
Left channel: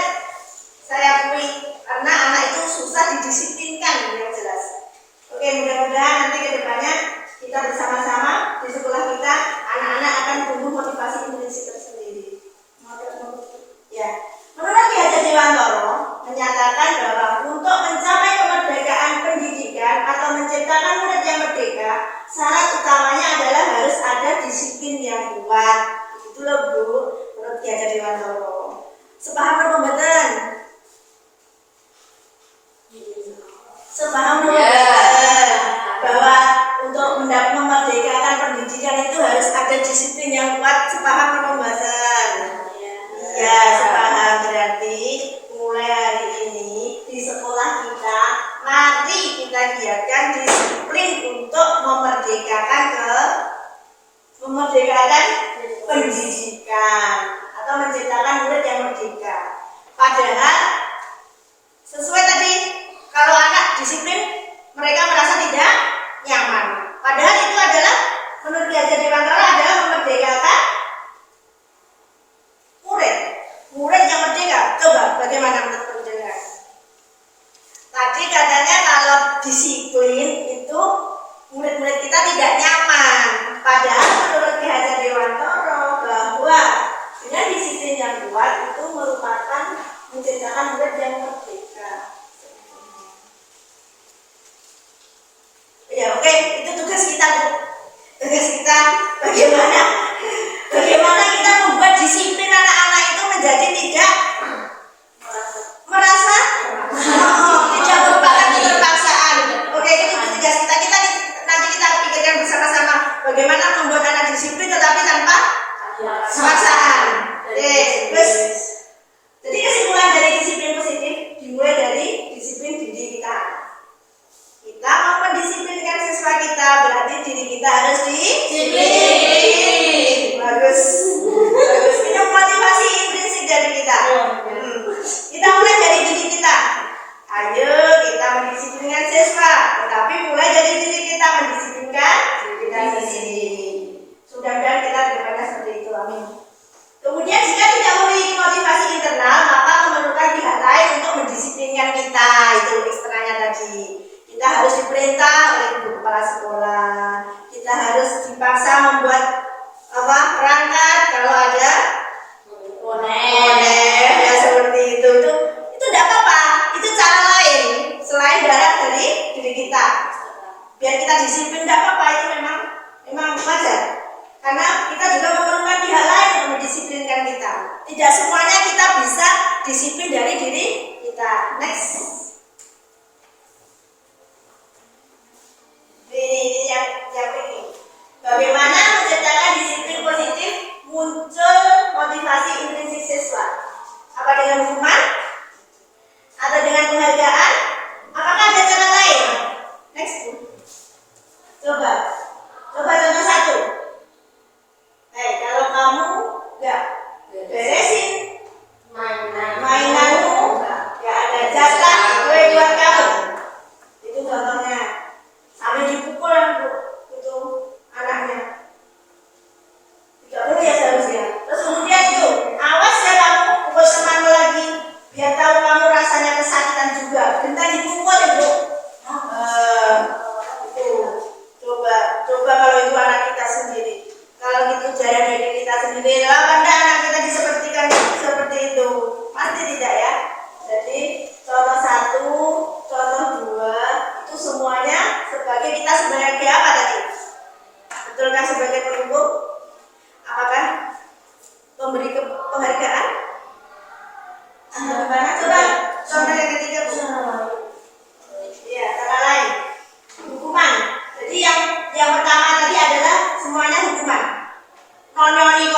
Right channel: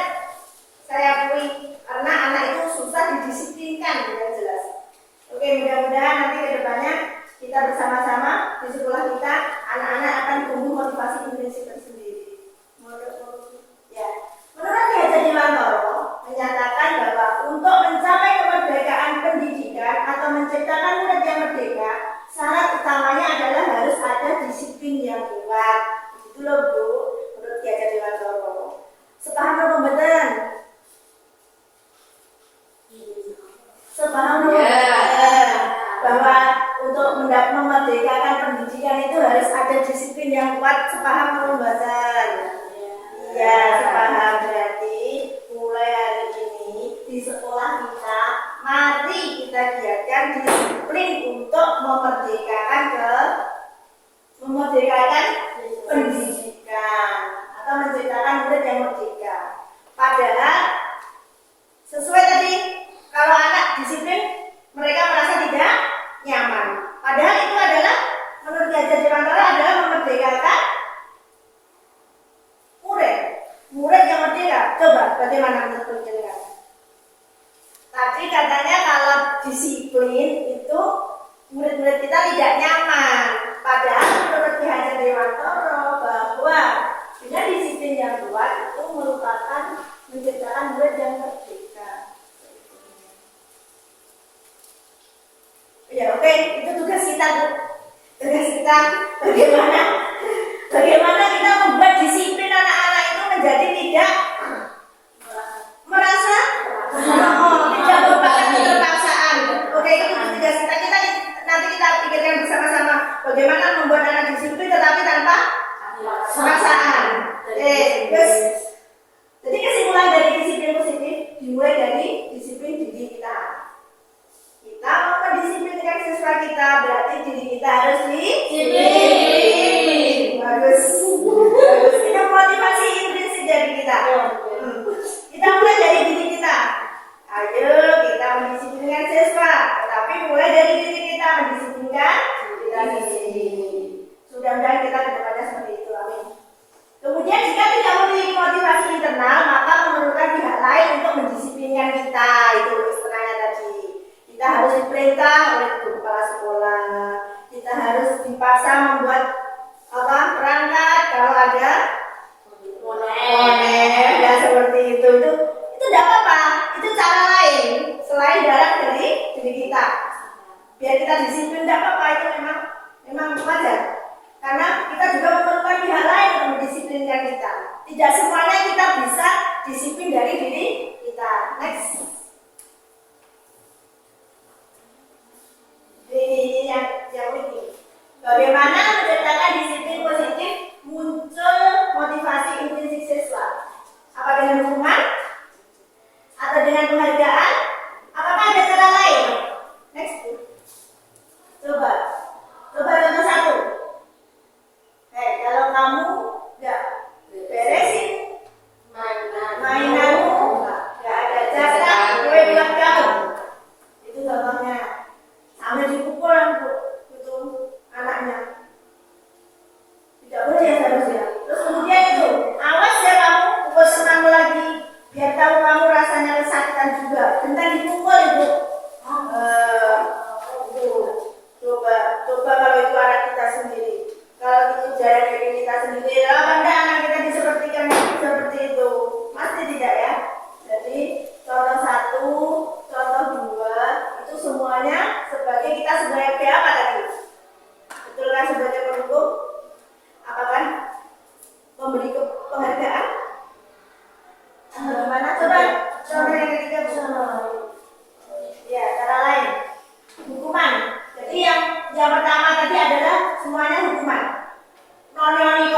saya akui, karena anak itu susah didisiplinkan yang jelas. Oke, mudah-mudahan nanti ke depannya kita bersama-sama di sekolah kita, anak-anak akan tumbuh motivasi intrinsik tersendiri. Ya, menurut Ki Hajar Dewantara menyatakan bahwa untuk mencapai kemerdekaan pendidikan atau menciptakan murid yang merdeka, syarat utamanya adalah harus ada disiplin yang kuat. Begitu loh Bu, menurut Ki Hajar Dewantara. Sepaham apa mboten? Sepaham mboten? Bahwa untuk memerdekakan pendidikan itu harus ada disiplin yang kuat. Sepaham apa mboten? Ya, sepaham. Berarti mulai hari ini di sekolah kita, mari kita giatkan disiplin untuk memerdekakan pendidikan atau menciptakan murid yang merdeka. Padahal sesuai tadi, kalau anak disiplin mereka merasa tidak nyaman. Padahal itu adalah menurut Ki Hajar Dewantara adalah memerdekakan murid yang merdeka. Coba bagaimana menurut penjelasan? Tadi katanya kalau disiplin itu murid-murid kita tidak nyaman. Padahal menurut Ki Hajar Dewantara bahwa dengan disiplin yang kuat itu merupakan menciptakan murid yang merdeka. Ya oke, itu tugas kita Bu. Tugas kita bagaimana kita membuat disiplin anak-anak itu menjadi tidak merasa tidak merupakan keterpaksaan. Oke, itu tugas kita. Nanti kita pikirkan bersama-sama bagaimana membuat anak disiplin tetapi tanpa paksaan. Oke, terus jadi kesimpulan dari disiplin positif dimulai dari disiplin diri kita. Kita mau mendisiplinkan siswa kita, berarti diri kita harus disiplin. Bagus. Itu motivasi intrinsik dari kita. Kita mulai dari diri kita. Ayo kita mendisiplinkan siswa, tetapi mulai dari diri kita mendisiplinkan diri kita sendiri. Mudah-mudahan kita kedepannya seperti itu. Amin. Kemudian jika tidak memiliki motivasi internal, maka memerlukan pihak lain untuk mendisiplinkan kita. Itu eksternanya tadi. Kita harus diperintah oleh ibu kepala sekolah. Kita harus dipaksa membuat perangkat kalau ada bonek ya seperti itu tidak apa-apa. Itu cara lain selain darah dari diri kita. Biar kita disiplin tidak apa-apa, itu memang wajar. Karena kita juga memerlukan pihak lain untuk mendisiplinkan kita. Tidak semuanya kita bisa disiplin dari diri kita. Next. Ini yang ini. Bagaimana menciptakan disiplin positif muncul motivasi intrinsik siswa? Apa dengan hukuman? Atau dengan penghargaan? Apakah ada cara lain? Next. semuanya sebagai kita sebagai apa tadi? Betulkah sebagai penghukum? Apakah memberi penghargaan? Gimana? Coba contoh yang ketiga, Bu. Ya, cara lain. Hukuman. Jadi yang pertama tadi adalah semuanya hukuman. Konyoni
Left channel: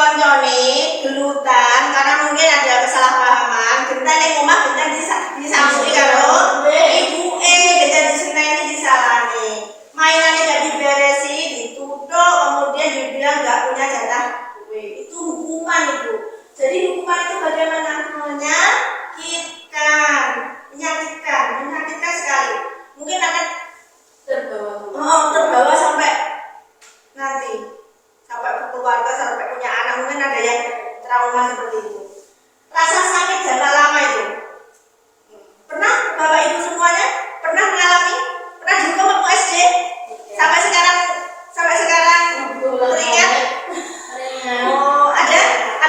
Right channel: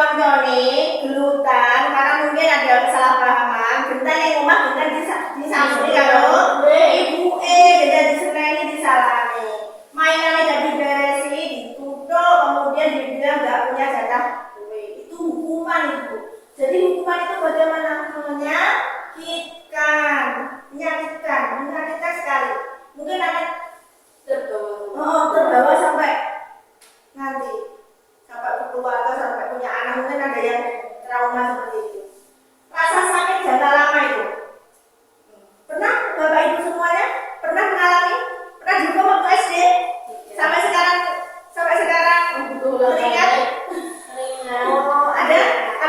gelutan karena mungkin ada kesalahpahaman. Genta yang omah genta disamsui karo ibu genta diseneni disalami. Mainannya gak diberesi, ditutup, kemudian dibilang gak punya jatah kue. Itu hukuman itu. Jadi hukuman itu bagaimana? Menyakitkan sekali. Mungkin akan terbawa sampai nanti, sampai keluarga, sampai punya anak, mungkin ada yang trauma seperti itu. Rasa sakit jangka lama itu. Pernah Bapak Ibu semuanya pernah mengalami? Pernah dihukum waktu SD? Sampai sekarang teringat? Oh, ada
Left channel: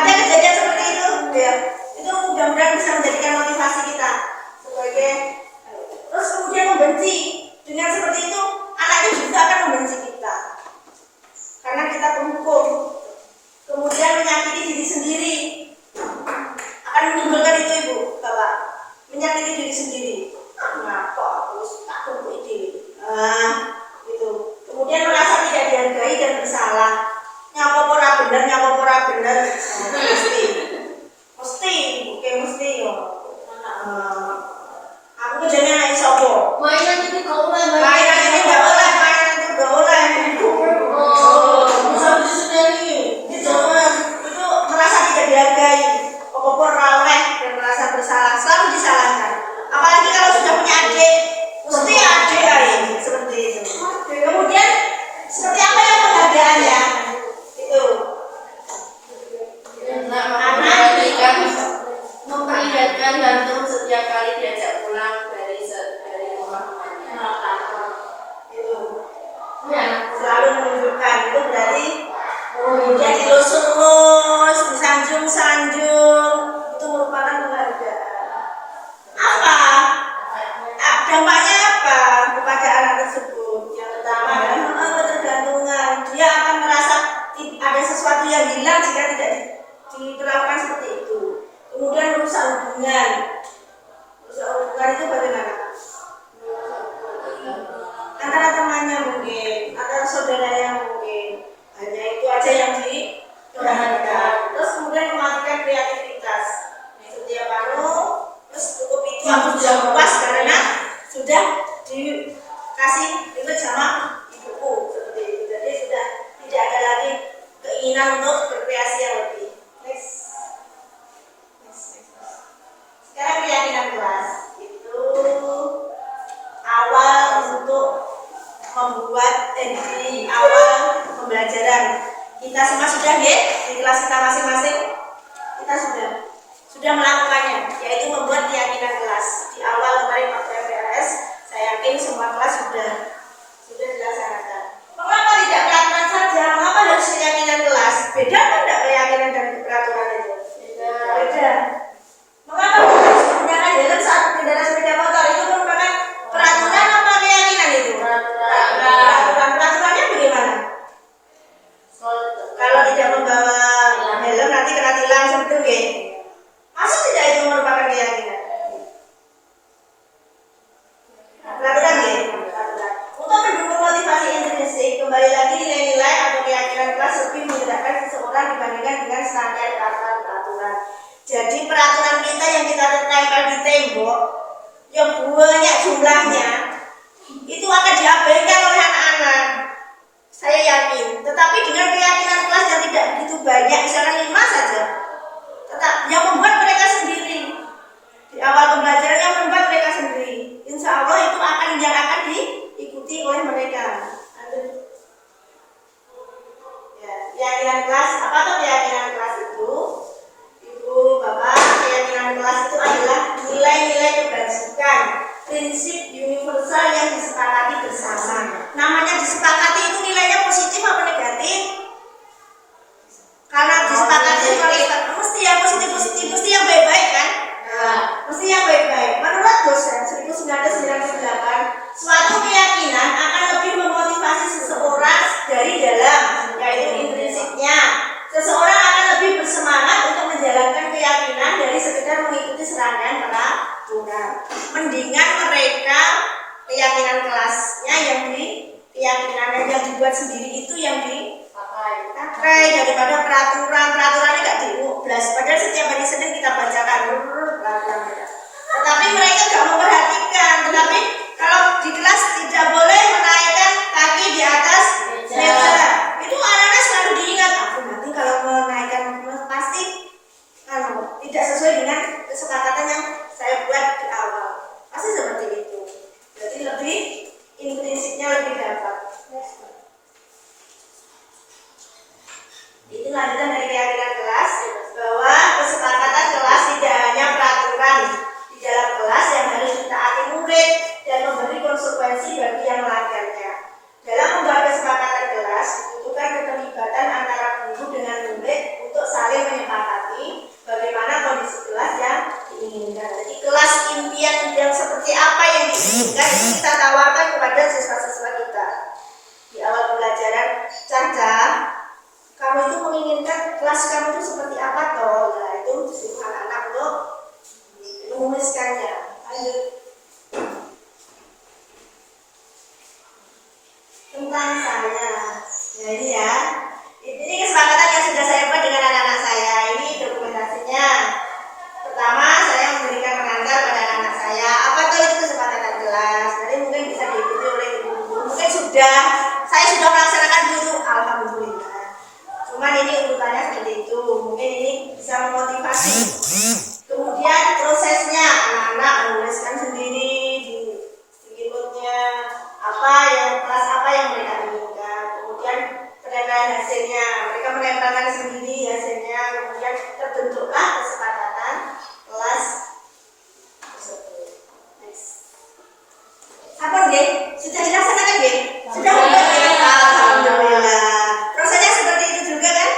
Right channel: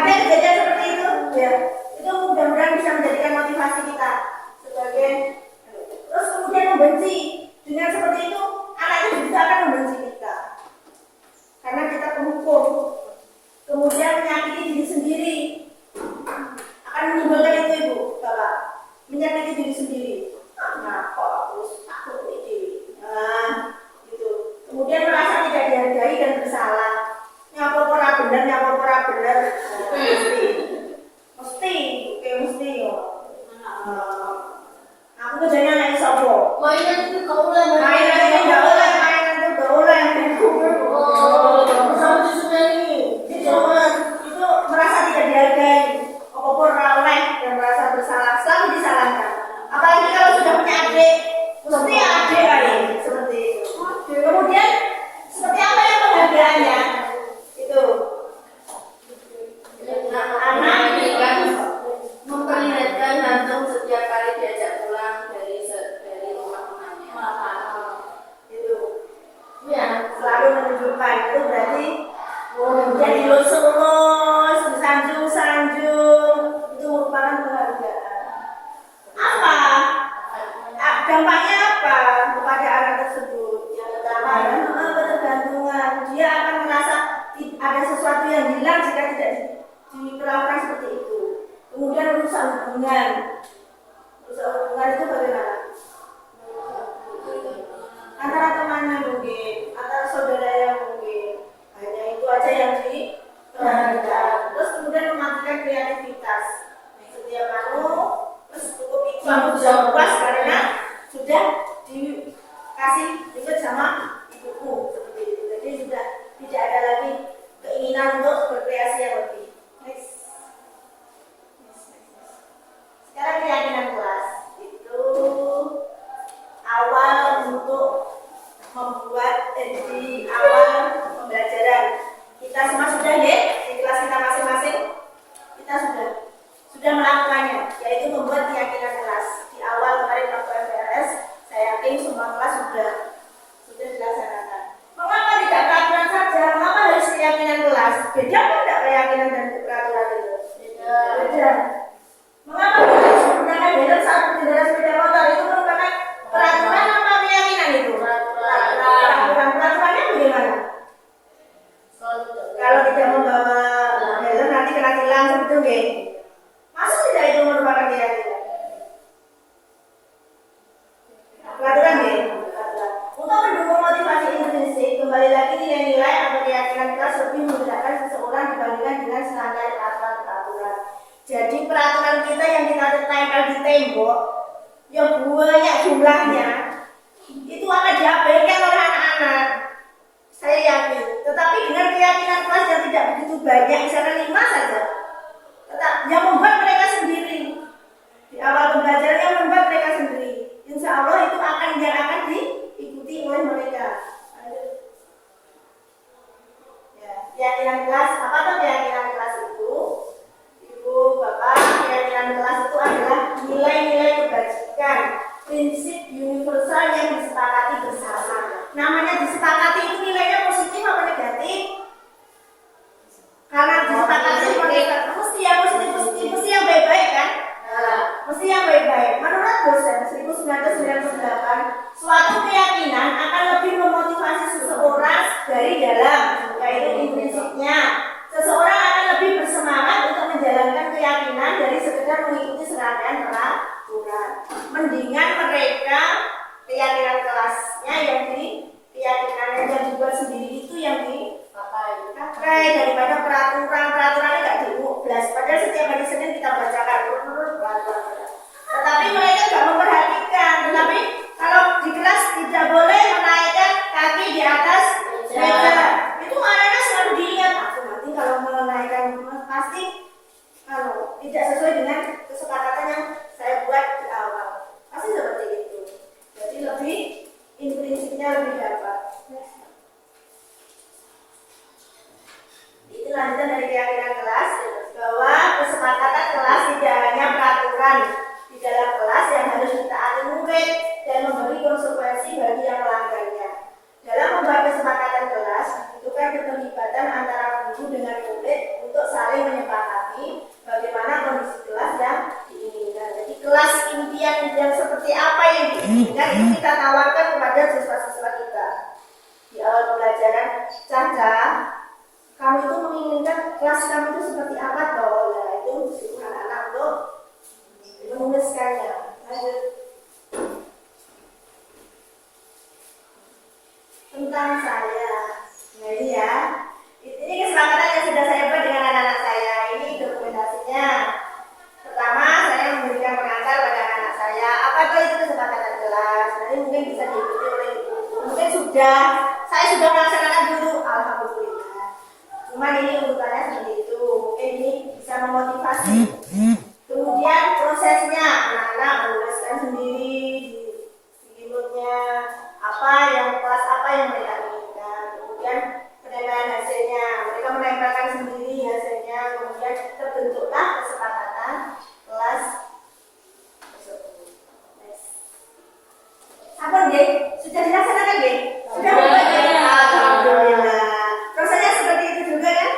kejadian seperti itu? Ya. Itu mudah-mudahan bisa menjadikan motivasi kita sebagai terus kemudian membenci. Dengan seperti itu anaknya juga akan membenci kita karena kita penghukum. Kemudian menyakiti diri sendiri, akan menimbulkan itu Ibu Bapak, menyakiti diri sendiri. Kenapa aku takut itu? Gitu. Kemudian merasa tidak dihargai dan bersalah. Nyapa ora bener, mesti yo. Aku kerjanya naik sobo. Mainan itu gak boleh. Itu merasa tidak dihargai, opor raweh dan merasa bersalah, selalu disalahkan. Apalagi kalau sudah punya adik, mesti adik lain seperti itu. Kemudian seperti apa yang penghargaannya? Itu anak memperlihatkan gantung setiap kali diajak pulang dari rumah. itu selalu menunjukkan itu berarti kemudian dilus-lus, disanjung-sanjung, itu merupakan penghargaan. Apa? Dampaknya apa kepada anak tersebut? Yang pertama adalah ketergantungan. Dia akan merasa ada sesuatu yang hilang jika tidak diperlakukan seperti itu. Kemudian merusak hubungan. Itu bagaimana? Antara temannya mungkin, antara saudaranya mungkin. Hanya itu aja yang diperhatikan. Terus kemudian mematikan kreativitas. Setiap terus cukup itu aku sudah puas karena sudah dikasih itu sama ibuku seperti itu. Jadi sudah tidak ada lagi keinginan untuk berkreasi yang lebih. Next. Sekarang keyakinan kelas itu awal untuk membuat di awal pembelajaran kita semua sudah ya di kelas kita masing-masing kita sudah melakukannya, yaitu membuat keyakinan kelas di awal kemarin waktu MPRS. Saya yakin semua kelas sudah dilaksanakan. Mengapa tidak peraturan saja? Mengapa harus keyakinan kelas? Beda kan tidak keyakinan dan peraturan itu? Beda. Mengapa harus menggunakan helm saat berkendara sepeda motor? Itu merupakan peraturan apa keyakinan itu? Peraturannya bagaimana? Kalau tidak membawa helm nanti kena tilang seperti itu. Maksud tidak itu merupakan keyakinan? Peraturan ya? Untuk mendukung motivasi intrinsik, kembali lagi nilai-nilai atau keyakinan kelas lebih memudahkan seseorang dibandingkan dengan standar peraturan. Jadi peraturan kita yang kita tempel di tembok yang banyak jumlahnya itu akan diabaikan oleh anak-anak. Saya yakin. Tetapi dengan keyakinan kelas yang tidak begitu banyak, misalkan 5 saja, tetap yang membuat mereka sendiri di awal pembelajaran yang membuat mereka sendiri. Insya Allah itu akan diikuti oleh mereka. Ya, keyakinan kelas, apa tuh keyakinan kelas itu? Ibu, Bapak, keyakinan kelas itu adalah nilai-nilai tentang saya. Nah ini ya, ini kesepakatan yang sudah saya buat dengan anak-anak saya. Ini dokumentasinya. Pertama, saya memberikan pengantar pada anak-anak saya. Apa tuh itu kesepakatan kelas? Nanti mungkin bisa diikuti oleh ibu-ibu. Mungkin saya sudah melaksanakan dulu. Alhamdulillah. Cuman ini urutannya seperti itu. Mungkin ini bisa memotivasi. Kemudian prosesnya, anak-anak menuliskan sendiri di notnya kelas apa yang mereka inginkan. Kemudian penilaian hasilnya, mereka menempelkan sendiri hasilnya. Kemudian terbentuklah kesepakatan kelas tersebut. Next. Apa nggih? Sudah dilaksanakan nggih? Sudah bukan? Alhamdulillah. Prosesnya seperti itu juga kan?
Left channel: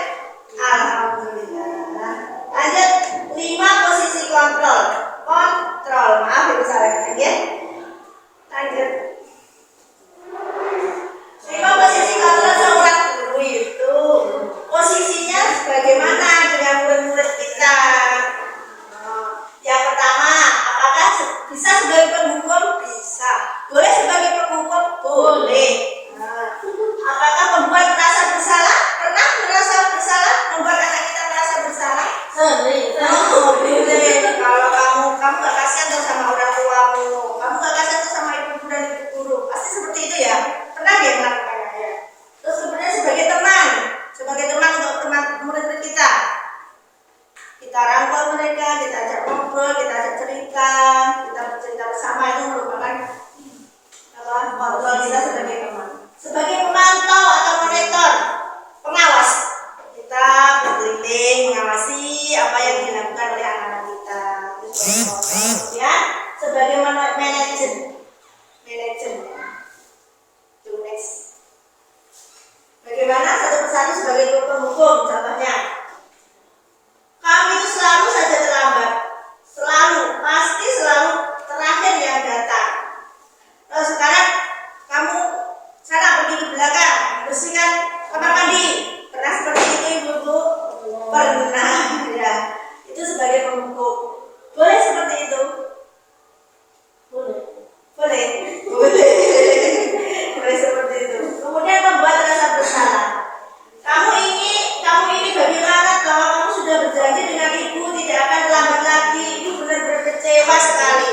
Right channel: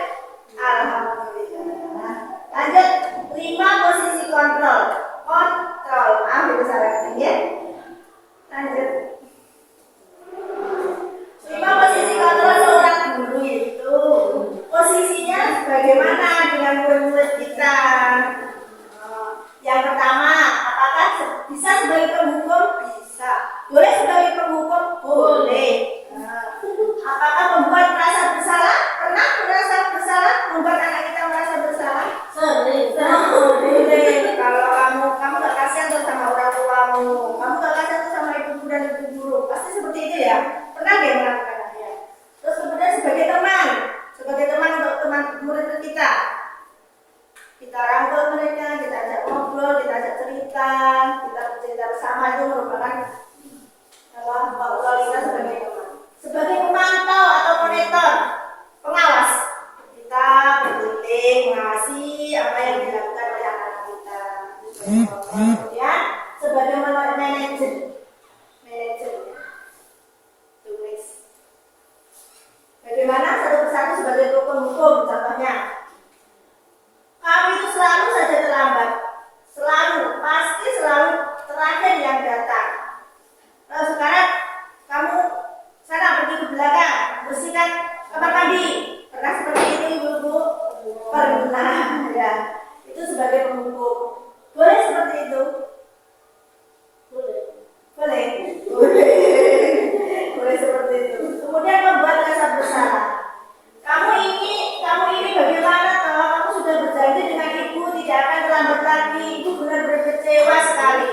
Alhamdulillah. Lanjut 5 posisi kontrol. Maaf ibu salah ya. Lanjut. 5 posisi kontrol seorang guru itu posisinya bagaimana dengan murid-murid kita? Yang pertama, apakah bisa sebagai penghukum? Bisa. Boleh sebagai penghukum? Boleh. Apakah membuat merasa bersalah? Pernah merasa bersalah? Membuat anak kita merasa bersalah? Sering. Kalau kamu gak kasihan tuh sama orang tuamu, kamu gak kasihan tuh sama ibu dan ibu guru, pasti seperti itu ya. Pernah dia melakukannya ya. Terus kemudian sebagai teman untuk teman murid kita rangkul mereka, kita ajak ngobrol, kita ajak cerita, kita bercerita bersama, itu merupakan kontrol kita sebagai teman. Sebagai pemantau atau monitor, pengawas, kita berkeliling mengawasi apa yang dilakukan oleh anak-anak kita. Kemudian sebagai manajer. Next. Bagaimana satu persatu sebagai penghukum? Contohnya, kami itu selalu saja terlambat, pasti selalu terakhir yang datang. Kalau sekarang kamu sana pergi ke belakang, bersihkan kamar mandi. Pernah seperti itu ibu-ibu? Pernah ya. Itu sebagai penghukum. Boleh seperti itu? Boleh seperti itu. Kemudian membuat rasa bersalah. Kamu ini bagaimana kalau kamu sudah berjanji dengan ibu tidak akan terlambat lagi? Ibu benar-benar kecewa sekali.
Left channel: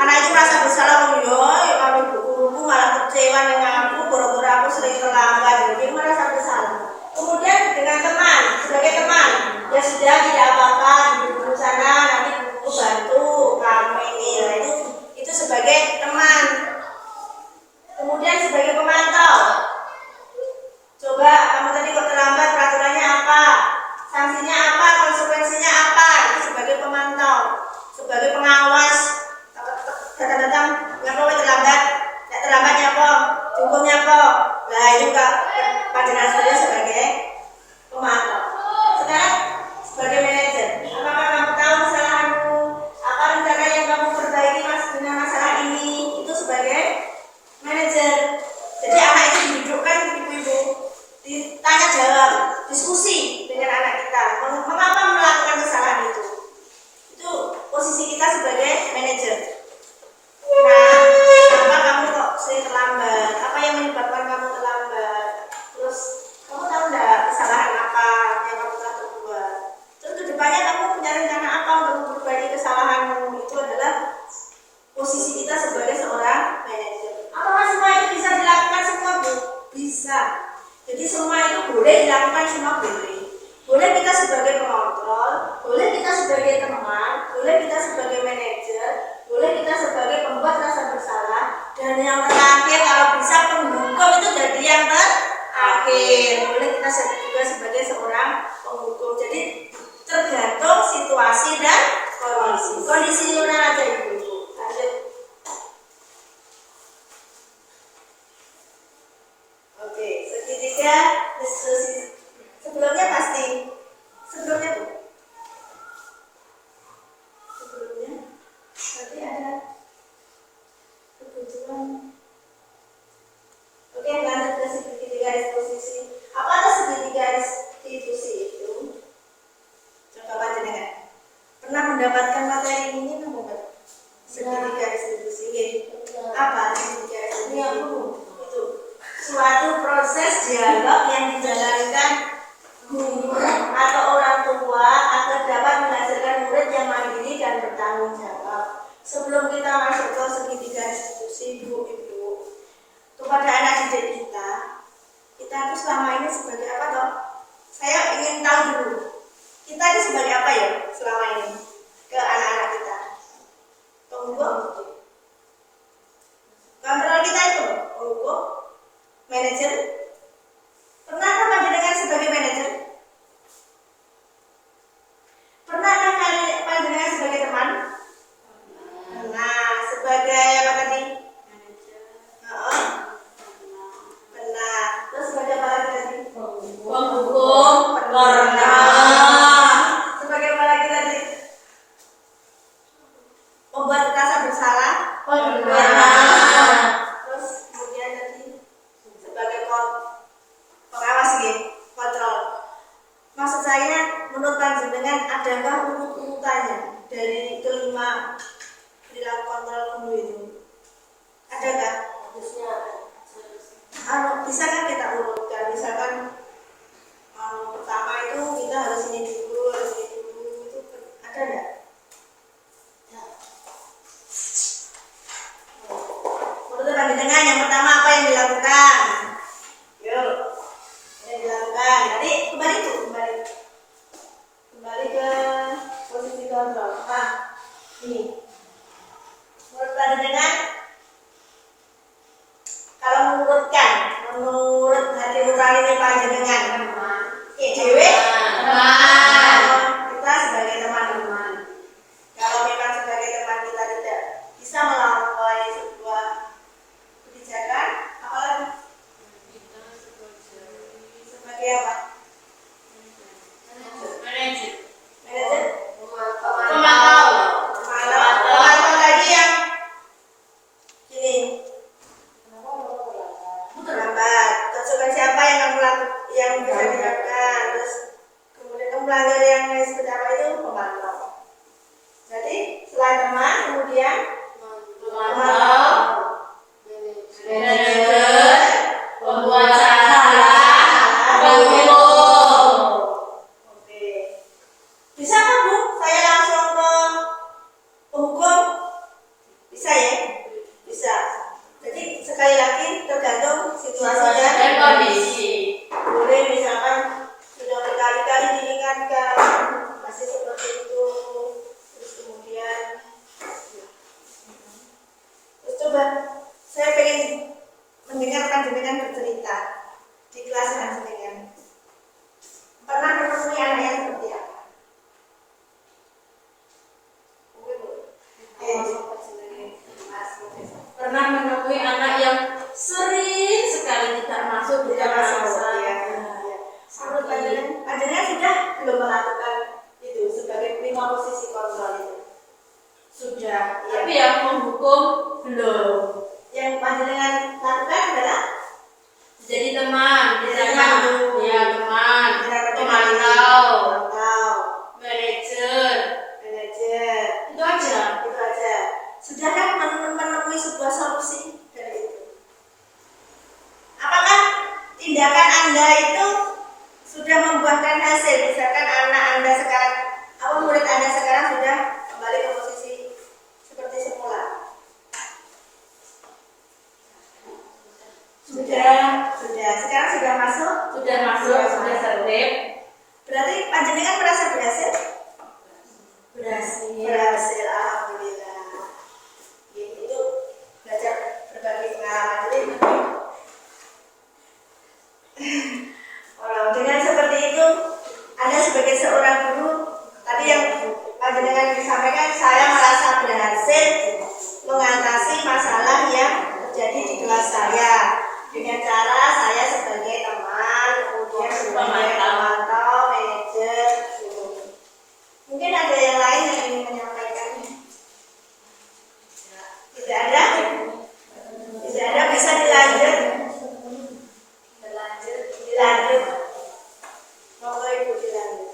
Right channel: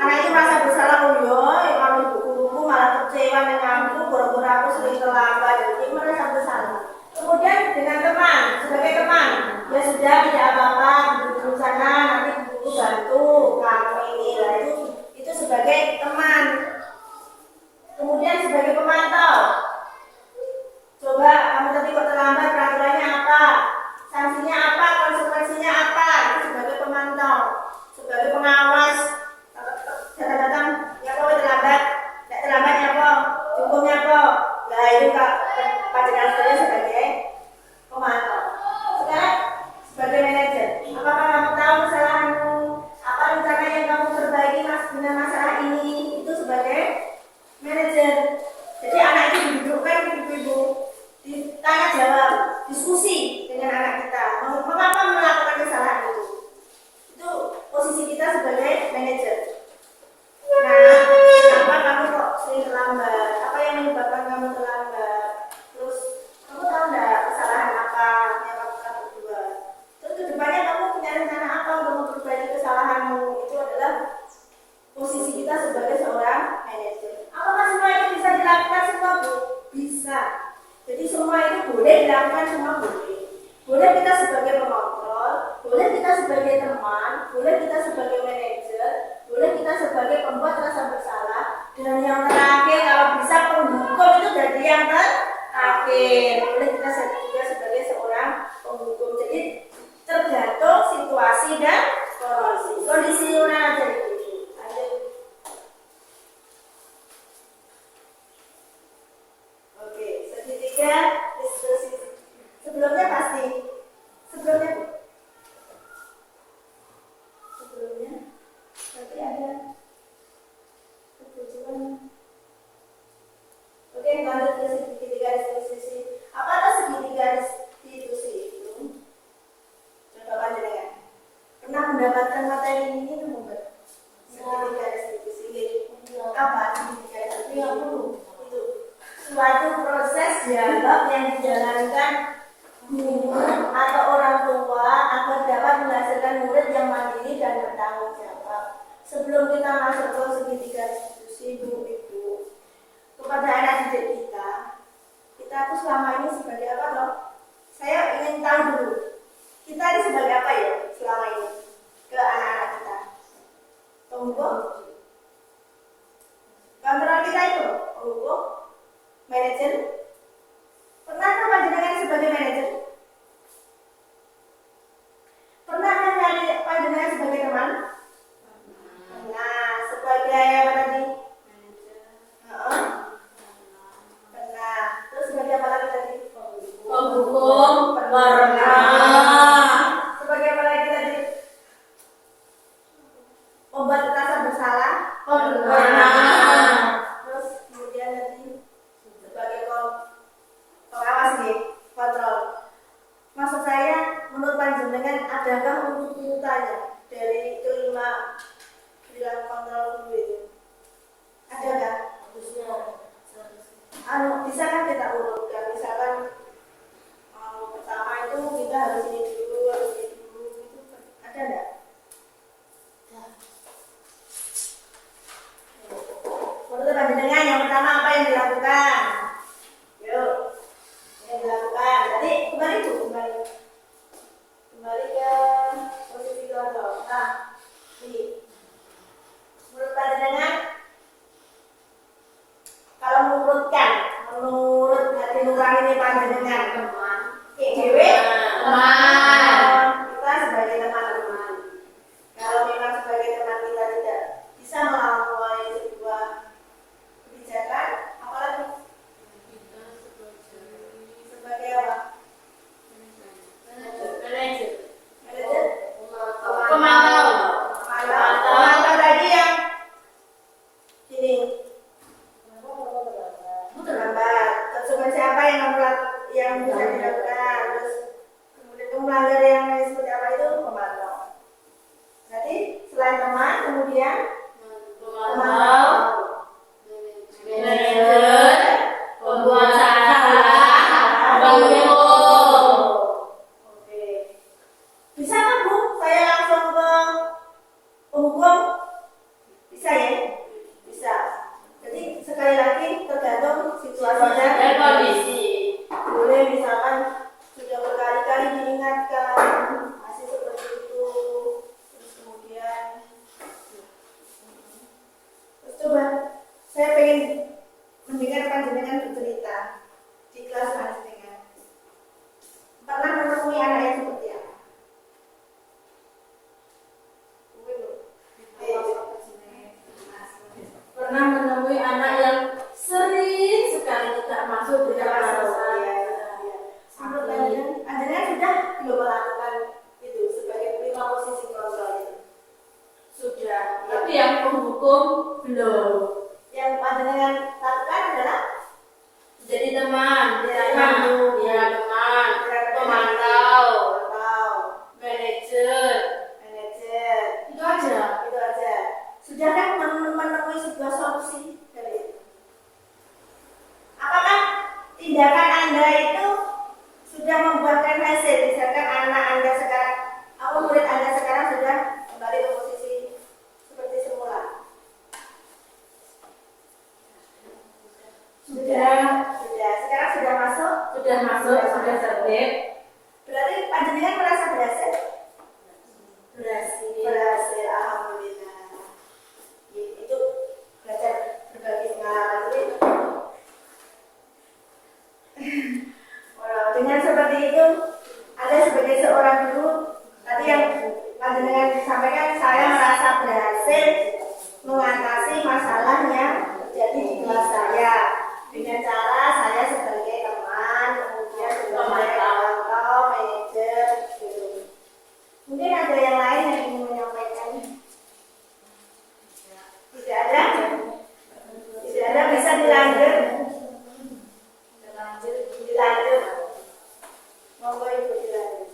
Anak itu merasa bersalah, ya kalau ibu malah kecewa denganku, gara-gara aku sering terlambat. Jadi merasa bersalah. Kemudian dengan teman, sebagai teman, ya sudah tidak apa-apa, duduk sana, nanti ibu bantu kamu ini. Nah, itu sebagai teman. Kemudian sebagai pemantau, coba kamu tadi kok terlambat, peraturannya apa, sanksinya apa, konsekuensinya apa. Itu sebagai pemantau. Sebagai pengawas, datang ngapa terlambat, tidak terlambatnya apa, cukupnya apa. Nah itu kak pandangan saya sebagai pemantau. Sekarang sebagai manajer, apakah kamu tahu kesalahanmu, apa rencana yang kamu perbaiki dengan masalah ini? Itu sebagai manajer. Jadi anak itu didudukkan ibu-ibu, ditanya jawab, diskusi dengan anak kita, mengapa melakukan kesalahan itu. Itu posisi kita sebagai manajer. Nah, apa kamu kok sering terlambat? Apa yang menyebabkan kamu terlambat? Terus kamu tahu enggak kesalahan apa yang kamu telah berbuat? Terus kedepannya kamu punya rencana apa untuk memperbaiki kesalahanmu? Itu adalah posisi kita sebagai seorang manajer. Apakah semua itu bisa dilakukan semua, Bu? Bisa. Jadi semua itu boleh dilakukan, semua boleh. Boleh kita sebagai pengontrol, boleh kita sebagai teman, boleh kita sebagai manajer, boleh kita sebagai pembuat rasa bersalah, dan yang terakhir kalau bisa penghukum itu jadi yang terakhir. Boleh kita juga sebagai seorang penghukum. Jadi tergantung situasi dan kondisi. Kondisi orang aja ibu. Lanjut. Oke, segitiga diskusi. Sebelumnya tapi ada kebutuhan. Oke, lanjut ke segitiga disposisi. Apa itu segitiga restitusi itu? Coba panjenengan pernah mendapatkan materi ini enggak? Segitiga restitusi. Apa segitiga restitusi? Itu suatu proses dialog yang dijalankan guru atau orang tua agar dapat menghasilkan murid yang mandiri dan bertanggung jawab. Sebelum kita masuk ke segitiga institusi, Bu, Ibu, kepada anak didik kita tuh selama ini sebagai apa toh? Saya ingin tahu dulu, kita ini sebagai apa ya selama ini ke anak-anak kita? Penghukum, kontrol kita itu penghukum, manajer. Pernahkah panjenengan sebagai manajer? Pernahkah panjenengan sebagai teman? Pernah. Sebagai apa tadi? Pernah. Terus sebagai apa lagi tadi? Penghukum. Pernah. Sebagai apa lagi tadi? Membuat rasa bersalah? Pernah. Terus kemudian tadi sebagai pengawas ya, kontrol. Maksud saya, menurut panjenengan adakah urut-urutannya dari kelima perilaku kontrol guru itu? Adakah? Bisa kan kita urutkan? Misalkan pertama itu kita harus ini dulu, harus ini dulu, itu ada nggak? Menurut panjenengan yang pertama apa yang dilakukan? Yuk, yang dilakukan. Tadi kembali ke posisi kontrol. Nah, ini. Menurut panjenengan, kalau menurut hati nurani panjenengan, dewe, kita sebagai teman-teman. Kalau memang sebagai teman kita tidak bisa melampaui sebuah kebijakan, apalagi sebagai apa? Manajer. Manajer? Pemantau. Pemantau tadi yang gini. Terlambat. Konsekuensi apa yang bisa dilakukan? Terus kemudian pelanggar yang seperti apa itu pemantau. Jadi selain teman, kemudian Pemantau. Manajer. Pembuat salah. Penghukum. Oke. Bisa kan Bu? Saya langsung ke penghukum? Bisa ya? Bisa. Jadi sekali lagi tergantung situasi Dan kondisi. boleh misalkan sudah berkali-kali diingatkan masih seperti itu, terus kemudian coba saya pengen mendengar panjenengan bercerita di kelas panjenengan pernah menemui anak yang seperti apa? Pernah menemui anak yang sering sekali tidak masuk di dalam saya. Menurut panjenengan sudah belum melakukan itu sebagai prima posisi kontrol itu? Sudah, tapi yang menghukum belum. Yang panjenengan lakukan adalah Jadi teman, misalkan Teman. ya teman, pemantau, manajer, itu aja. itu aja. Sudah kan menemui sebuah solusi dari itu? Apakah tindakan Anda itu sudah membuahkan hasil? Misalkan anak Anda sekarang, murid Anda sekarang sudah kembali ke posisi seperti semula. Sudah. Sekarang sudah masuk. Sudah tertib. Berarti panjenengan merasa berhasil? Berhasil. Berhasil, alhamdulillah. Itu belajar berbagi pengalaman. Jadi dengan seperti itu, Anda sebagai seorang guru, tadi yang panjenengan disampaikan, saya merasa berhasil mengatasi masalah yang terjadi di kelas saya dengan cara saya sebagai teman, kemudian sebagai pemantau, manajer. Mungkin ada yang lain yang ingin menyampaikan? Tidak ada? Tidak ada, bisa dilanjut. Dilanjut. Monggo Ibu dilanjut.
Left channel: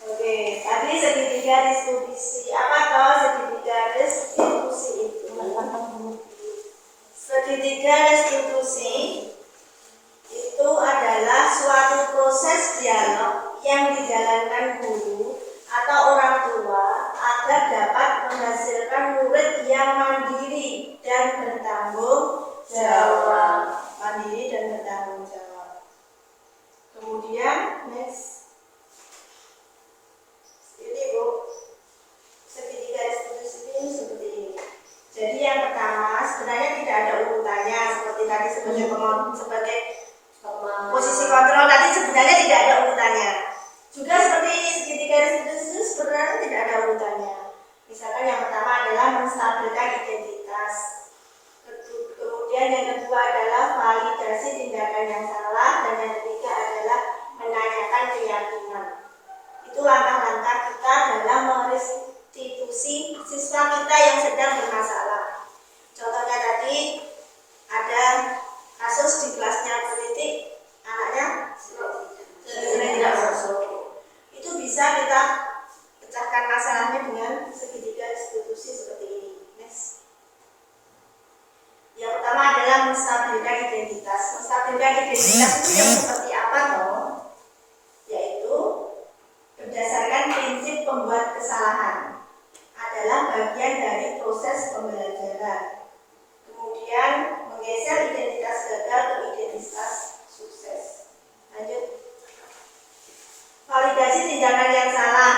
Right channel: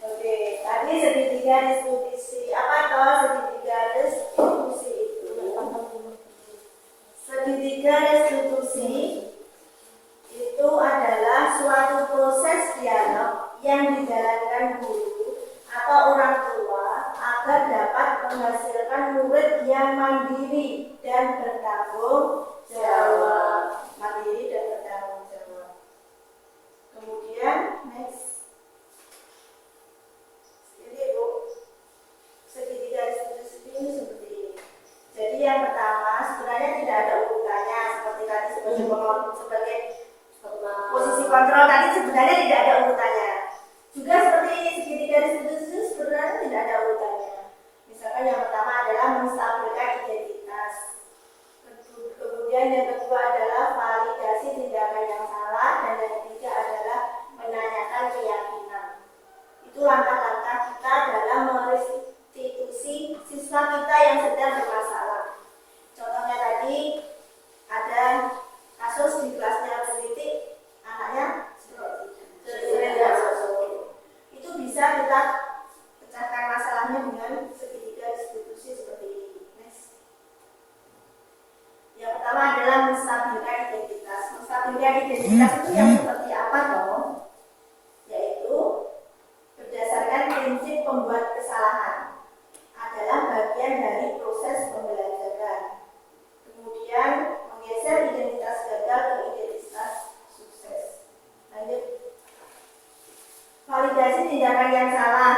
Oke, tadi segitiga distribusi. Apa toh segitiga distribusi itu? Segitiga restitusi itu adalah suatu proses dialog yang dijalankan guru atau orang tua agar dapat menghasilkan murid yang mandiri dan bertanggung jawab. Mandiri dan bertanggung jawab. Kemudian next. Ini Bu, segitiga restitusi ini seperti ini. Jadi yang pertama sebenarnya tidak ada urutannya seperti tadi sebagai posisi kontrol tadi sebenarnya tidak ada urutannya. Juga seperti ini segitiga restitusi sebenarnya tidak ada urutannya. Misalkan yang pertama adalah menstabilkan identitas. Kemudian yang kedua adalah validasi tindakan yang salah dan yang ketiga adalah menanyakan keyakinan. Itu langkah-langkah kita dalam merestitusi siswa kita yang sedang bermasalah. Contohnya tadi ada kasus di kelasnya politik, anaknya sering tidak masuk. Itu bisa kita pecahkan masalahnya dengan segitiga restitusi seperti ini. Next. Yang pertama adalah menstabilkan identitas. Menstabilkan identitas itu yang seperti apa toh? Yaitu berdasarkan prinsip pembuat kesalahan adalah bagian dari proses pembelajaran. Kemudian menggeser identitas gagal ke identitas sukses. Lanjut. Validasi tindakan yang salah,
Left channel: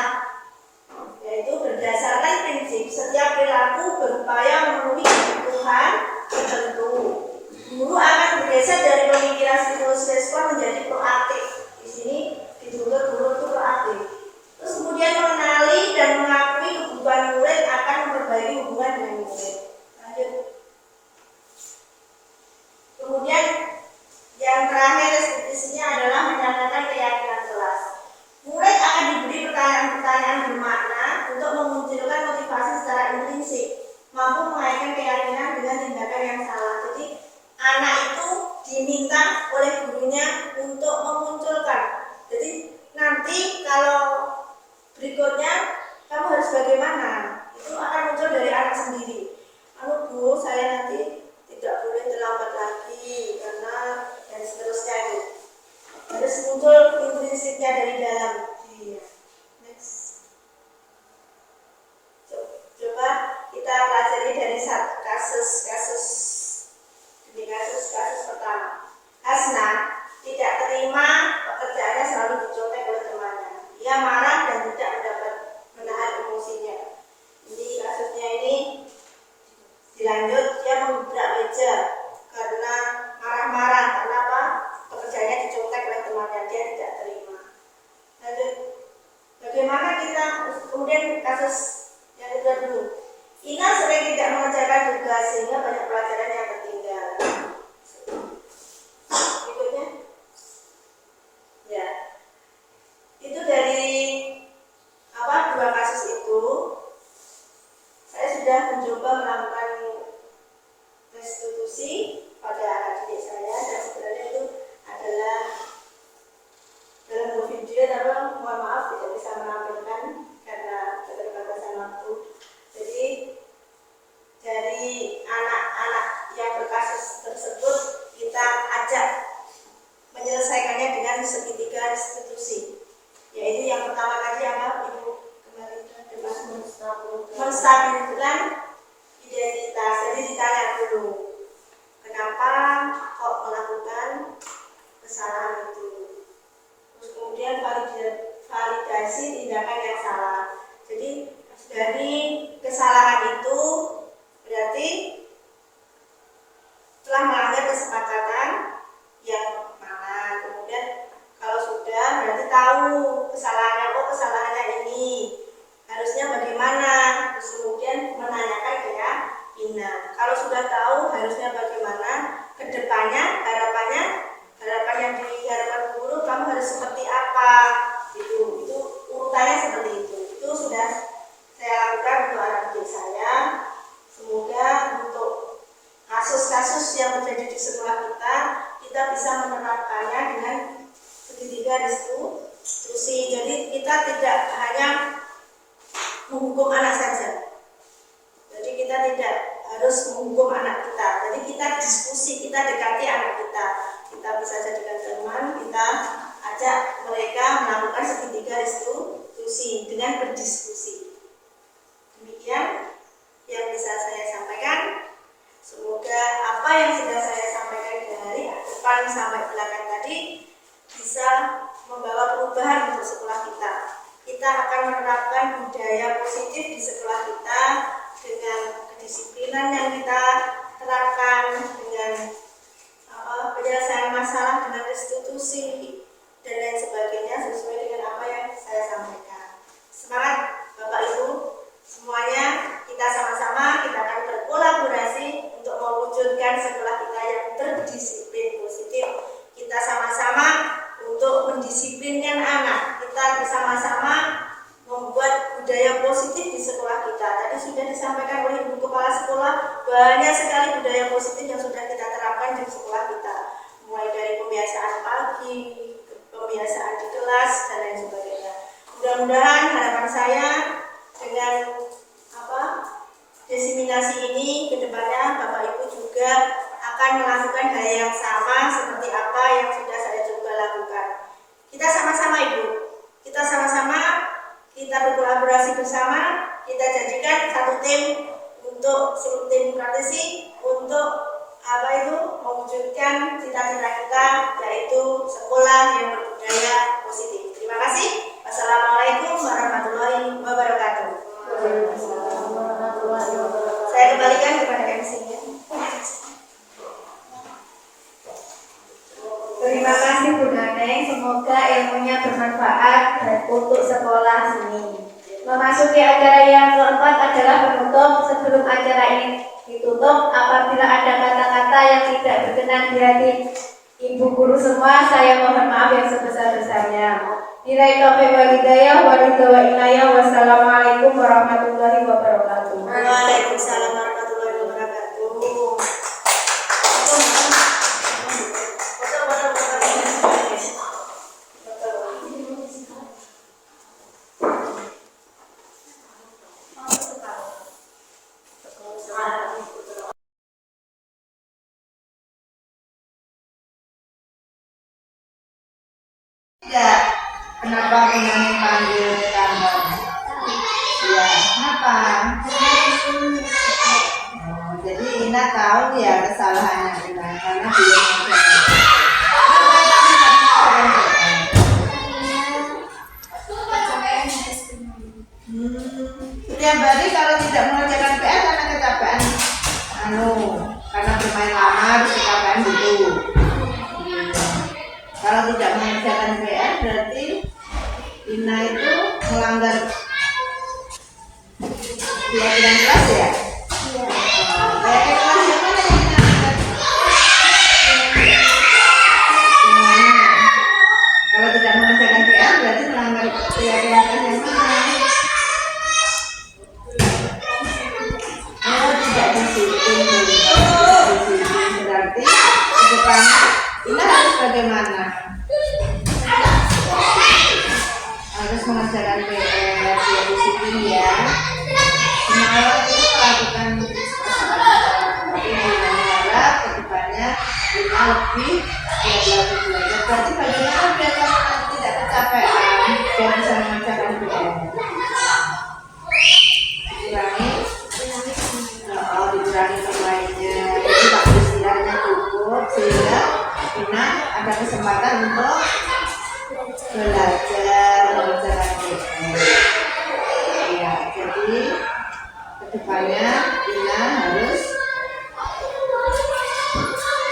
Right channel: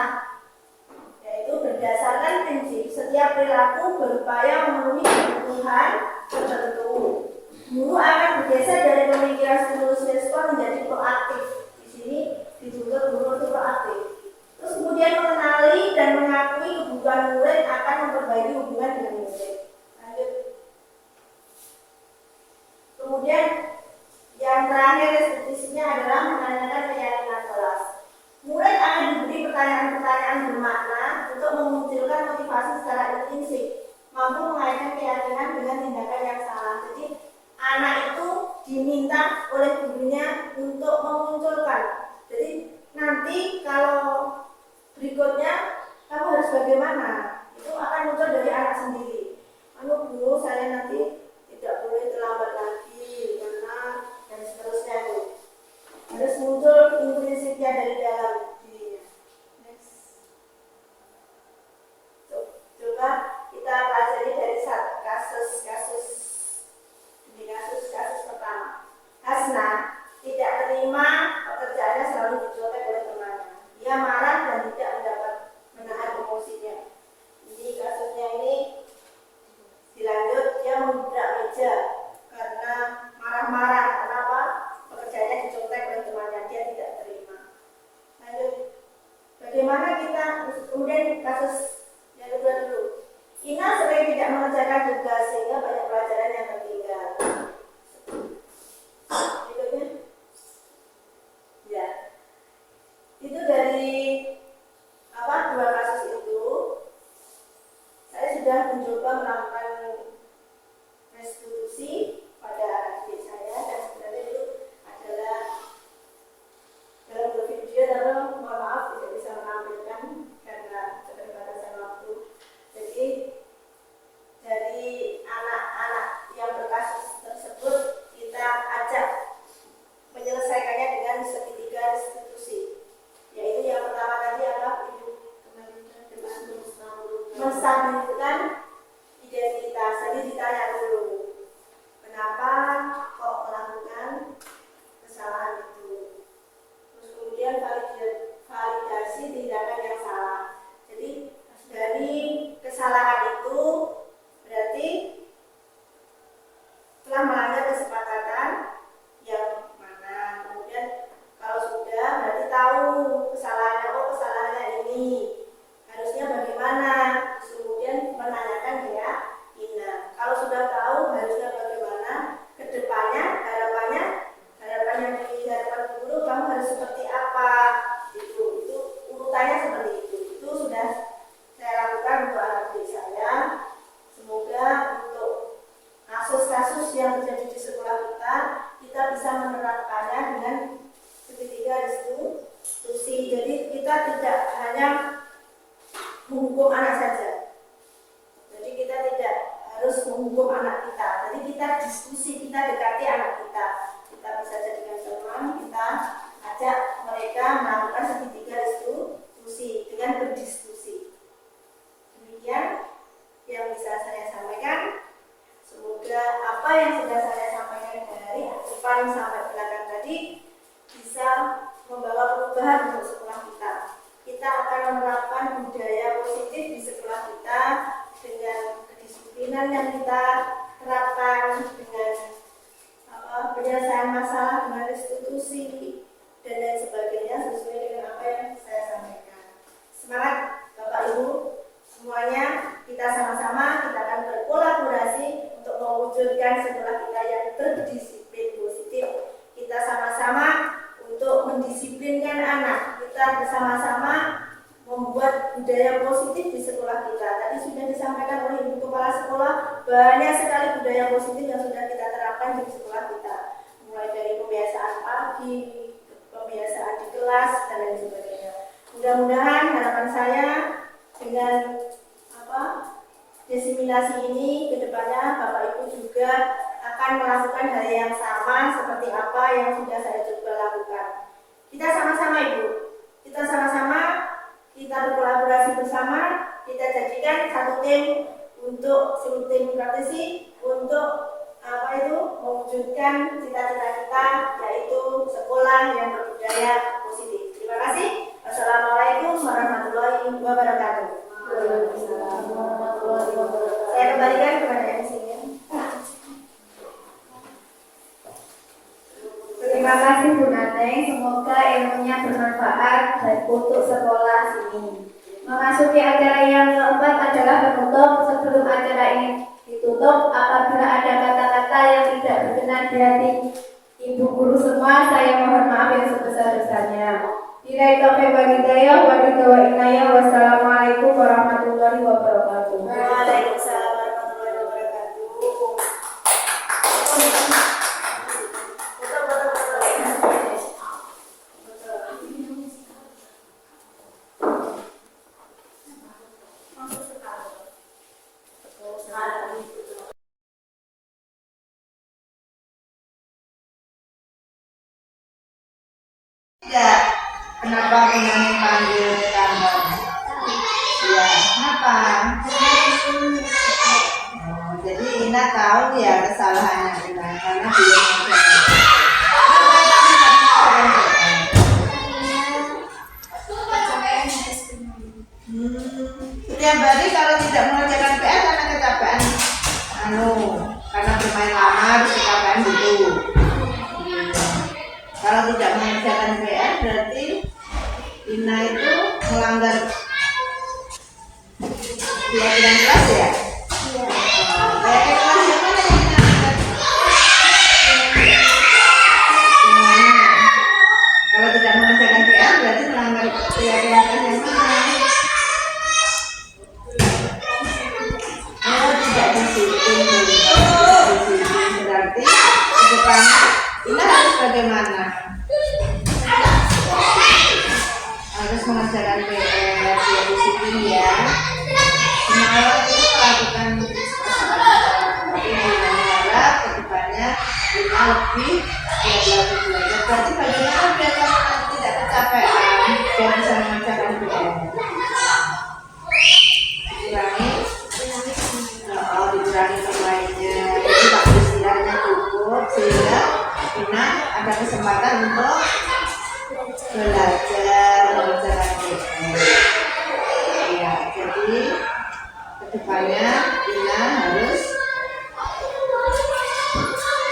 yaitu berdasarkan prinsip setiap perilaku berupaya memenuhi kebutuhan tertentu. Guru akan bergeser dari pemikiran stimulus respon menjadi proaktif. Di sini dituntut guru itu proaktif. Terus kemudian mengenali dan mengakui kebutuhan murid akan memperbaiki hubungan dengan murid. Lanjut. Kemudian yang terakhir restitusinya adalah menanyakan keyakinan kelas. Murid akan diberi pertanyaan-pertanyaan bermakna untuk memunculkan motivasi secara intrinsik, mampu mengaitkan keyakinan dengan tindakan yang salah. Jadi anak itu diminta oleh gurunya untuk memunculkan. Jadi nanti kalau berikutnya kamu harus bagaimana, itu akan muncul dari anak sendiri. Bu, saya nanti tidak boleh terlambat lagi karena dan seterusnya itu harus muncul intrinsiknya dari dalam dirinya. Next. Coba kita pelajari dari kasus pertama. Hasna tidak terima pekerjaannya selalu dicontek oleh temannya. Ia marah dan tidak mendapat menahan emosinya. Jadi kasusnya ini dilanjut, dia membrak meja karena marah-marah karena apa? Pekerjaannya dicontek oleh temannya, dia tidak terima. Lanjut, bagaimana kita kemudian kasus yang kedua dulu. Ina sering tidak mengerjakan tugas sehingga banyak pelajaran yang tertinggal. Berikutnya, ya, itu dari dua kasus itu saya sudah mencoba melakukan restitusi pada adik saya dan sebenarnya itu adalah dalam dua video, tapi mohon maaf tidak bisa menampilkan karena keterbatasan waktu. Jadi dari anak-anak yang berkasus tersebut kita ajak menyelesaikannya dengan segitiga restitusi, yaitu yang pertama tadi apa Ibu kemarin menstabilkan identitas. Jadi ditanya dulu kenapa kok melakukan kesalahan itu, terus kemudian validasi tindakan yang salah. Jadi dari kesalahan itu berarti telah melanggar kesepakatan yang mana. Kemudian kalau sudah berarti tahu kesalahannya, kesalahannya ini harusnya bagaimana, terus kemudian menanyakan keyakinan. Kalau sudah tahu harusnya bagaimana kedepannya, harapan yang diharapkan guru kamu harus seperti apa, itu urutannya seperti itu. Itu sudah saya lakukan untuk anak-anak saya. Semoga untuk kasus-kasus yang terjadi di sekolah kita bisa menerapkannya dengan segitiga restitusi. Jadi kita tidak hanya menghukum anak saja. Jadi kita tidak harus menghukum anak kita. Jadi kita diskusi, kita dekati anak kita. Kita bisa jadikan teman, kita ajak mereka melakukan segitiga restitusi dengan berdiskusi. Demikian yang bisa saya sampaikan. Semoga apa yang sudah saya sampaikan dari depan sampai belakang tadi bisa membawa perubahan untuk sekolah kita. Kita akan menerapkan budaya positif di sekolah kita dengan kedisiplinan yang kita terapkan, dengan penyelesaian masalah dengan restitusi dan lain sebagainya sesuai dengan apa yang saya sampaikan. Semangat Bapak Ibu semuanya, kita sama-sama kita akan berkolaborasi untuk mewujudkan sekolah kita yang berdisiplin positif. Kita sama-sama untuk mendisiplinkan anak. Kita bersama-sama membuat budaya positif di sekolah kita. Tadi sudah disampaikan oleh Ibu Kepala Sekolah, banyak sekali budaya positif yang sudah kita terapkan di sekolah kita. Mulai dari pembiasaan pagi, pembiasaan di kelas, dan lain sebagainya. Mudah-mudahan harapan saya dengan diseminasi ini ke depannya Bapak Ibu juga akan melakukan hal yang sama seperti apa yang sudah saya coba lakukan. Kita sama-sama Ibu, kita sama-sama, kita berkolaborasi bersama, kita jadikan satu tim untuk tim praktisi untuk mewujudkan cita-cita kita, yaitu sekolah yang berbudaya positif. Terima kasih. Wassalamualaikum warahmatullahi wabarakatuh. Saya kembalikan kepada MC-nya. Terima kasih Bu Naneng, semoga ilmunya bermanfaat untuk sekolah sini. Memasuki acara yang keempat adalah penutup. Sebelum acara ini ditutup, apabila ada kata-kata yang tidak berkenan di hati Ibu guru semua, saya mohon maaf yang sebesar-besarnya. Billahi taufiq wal hidayah wa inayah. Wassalamualaikum warahmatullahi wabarakatuh. Waalaikumsalam warahmatullahi wabarakatuh. Ya, kenapa Bunani panggil Tambang? Ya, kenapa? Oh, jadi Ina tahu ya kesalahannya Ina karena dia setiap hari kalau tidak mengerjakan PR karena kecapean, karena bermain lama terus kecapean gitu. Kalau tidak mengerjakan PR berarti Ina itu melanggar pelajaran kelas ya? Iya. Kayak kelas yang mana yang Ina angkat? Kalau tidak mengerjakan PR berarti melanggar pelajaran kelas yang mana? Oh, tidak disiplin. Berarti ke depannya Ina harus bagaimana? Harus mengerjakan PR, dia disiplin ya. Semalam itu melakukan kesalahan, tapi Ina harap ke depannya Ina lebih belajar. Berarti bagaimana biar kamu nanti tidak kecapean, biar bisa mengerjakan PR? Dikurangi pemainnya, jadi waktu istirahatnya cukup sehingga Ina ada kesempatan untuk belajar mengerjakan PR. Ya, jadi kedepannya Ina harus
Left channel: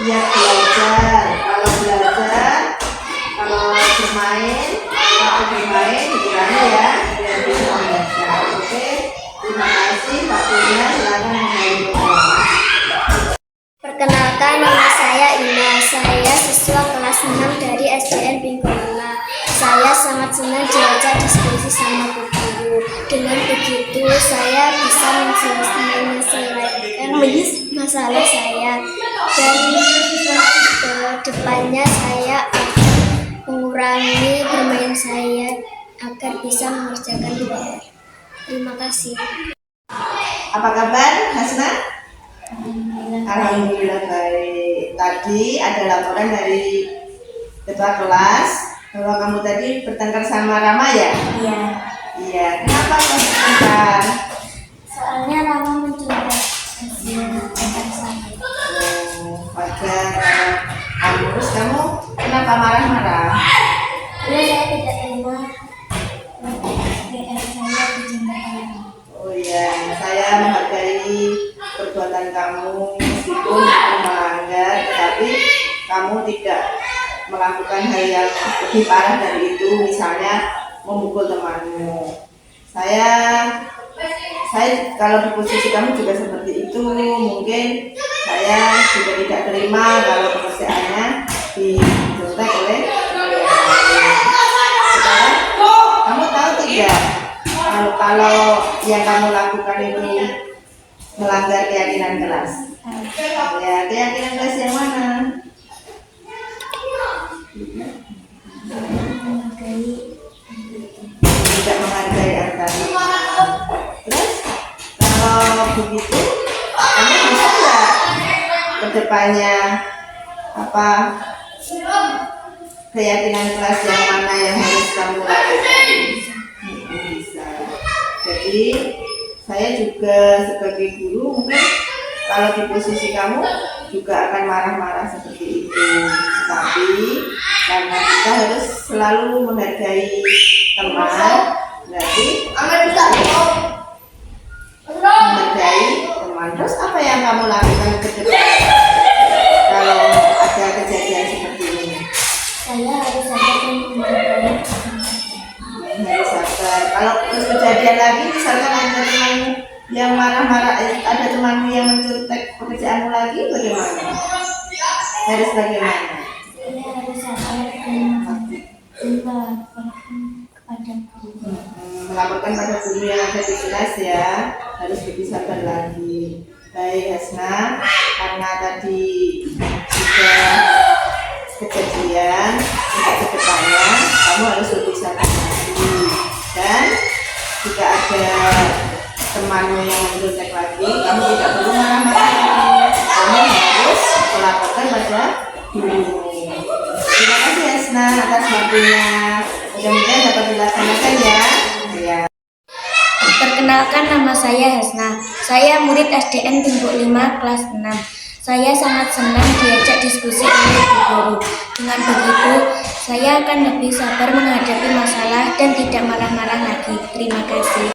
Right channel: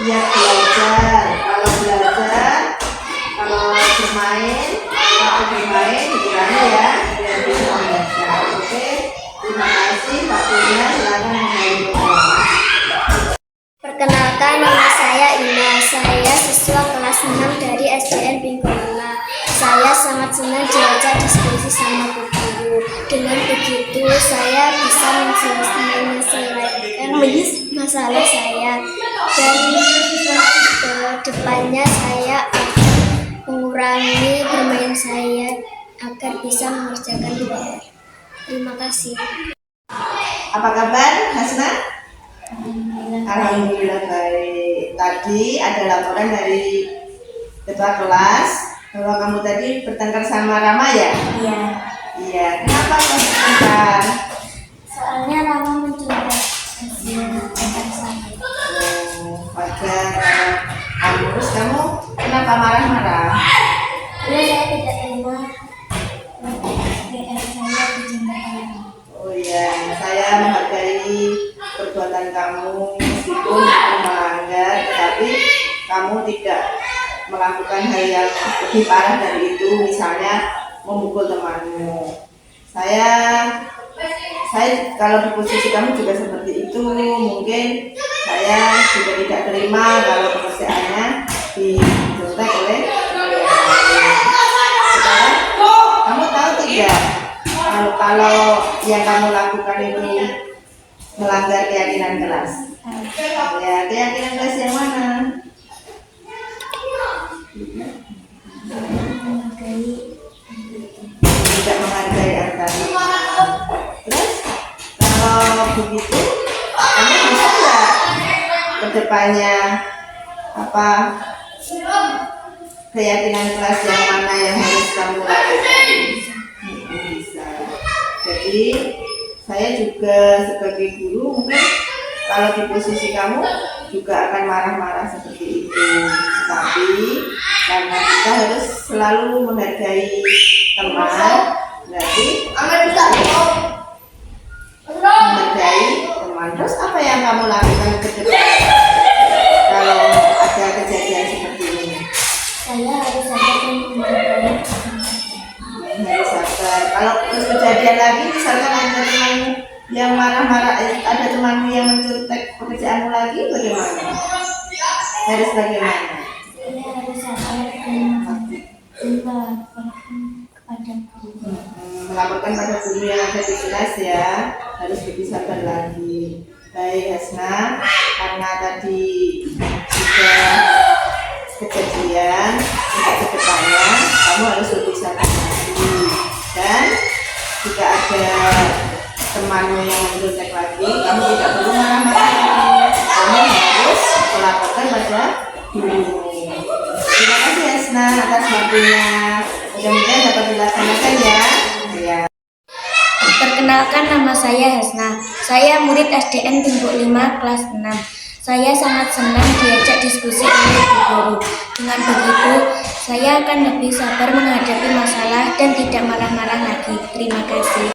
giat belajar. Kalau bermain, waktu bermain dikurangi ya, biar bisa belajar. Oke, terima kasih waktunya. Silakan menghadiri. Perkenalkan, nama saya Ina. Saya siswa kelas 6 dari SDN Bingkongna. Saya sangat senang diajak diskusi sama Bu Guru. Dengan begitu, saya bisa menyelesaikan masalah saya. Dan depannya saya akan mengurangi bermain saya agar bisa mengerjakan PR. Terima kasih. Apa kabar, Hasna? Alhamdulillah baik. Tadi ada laporan dari ketua kelas bahwa kamu tadi bertengkar sama Rama ya? Iya. Iya. Kenapa kamu bertengkar? Soalnya Rama mencoba hasil tentang saya. Wajar kamu. Terus kamu kenapa marah-marah? Lalu saya tidak terima SDN saya dijemput. Oh iya, saya menghargai perbuatan kamu meskipun itu melanggar, tetapi kamu tidak melakukan hal yang lebih parah dari itu, misalnya memukul temanmu. Saya kalau di posisi kamu juga seperti itu, mungkin saya juga tidak terima kalau pekerjaannya dicontek oleh teman yang lain. Sekarang kamu tahu tidak kalau yang kamu lakukan itu melanggar keyakinan kelas? Ya, keyakinan kelas yang mana? Tidak menghargai antar. Terus kalau begitu kamu bisa nggak kedepannya keyakinan kelas yang mana yang harus kamu lakukan? Bisa. Jadi saya juga sebagai guru mungkin kalau di posisi kamu juga akan marah-marah seperti itu. Tapi karena kita harus selalu menghargai teman, berarti menghargai teman. Terus apa yang kamu lakukan ke depan kalau ada kejadian seperti ini? Saya harus sabar dan menghargai. Harus sabar. Kalau terus kejadian lagi, misalkan ada temanmu yang marah-marah, ada temanmu yang mencontek pekerjaanmu lagi, bagaimana? Harus bagaimana? Saya harus sabar dan melaporkan kepada guru. Melaporkan pada guru yang ada di kelas ya, harus lebih sabar lagi. Baik Hasna, karena tadi sudah kejadian, untuk kedepannya kamu harus lebih sabar lagi. Dan jika ada temanmu yang mencontek lagi, kamu tidak perlu marah-marah lagi. Kamu harus melaporkan pada guru. Terima kasih Hasna atas waktunya. Mudah-mudahan dapat dilaksanakan ya. Ya. Perkenalkan, nama saya Hasna. Saya murid SDN Timbuk 5 kelas 6. Saya sangat senang diajak diskusi oleh Bu Guru. Dengan begitu, saya akan lebih sabar menghadapi masalah dan tidak marah-marah lagi. Terima kasih.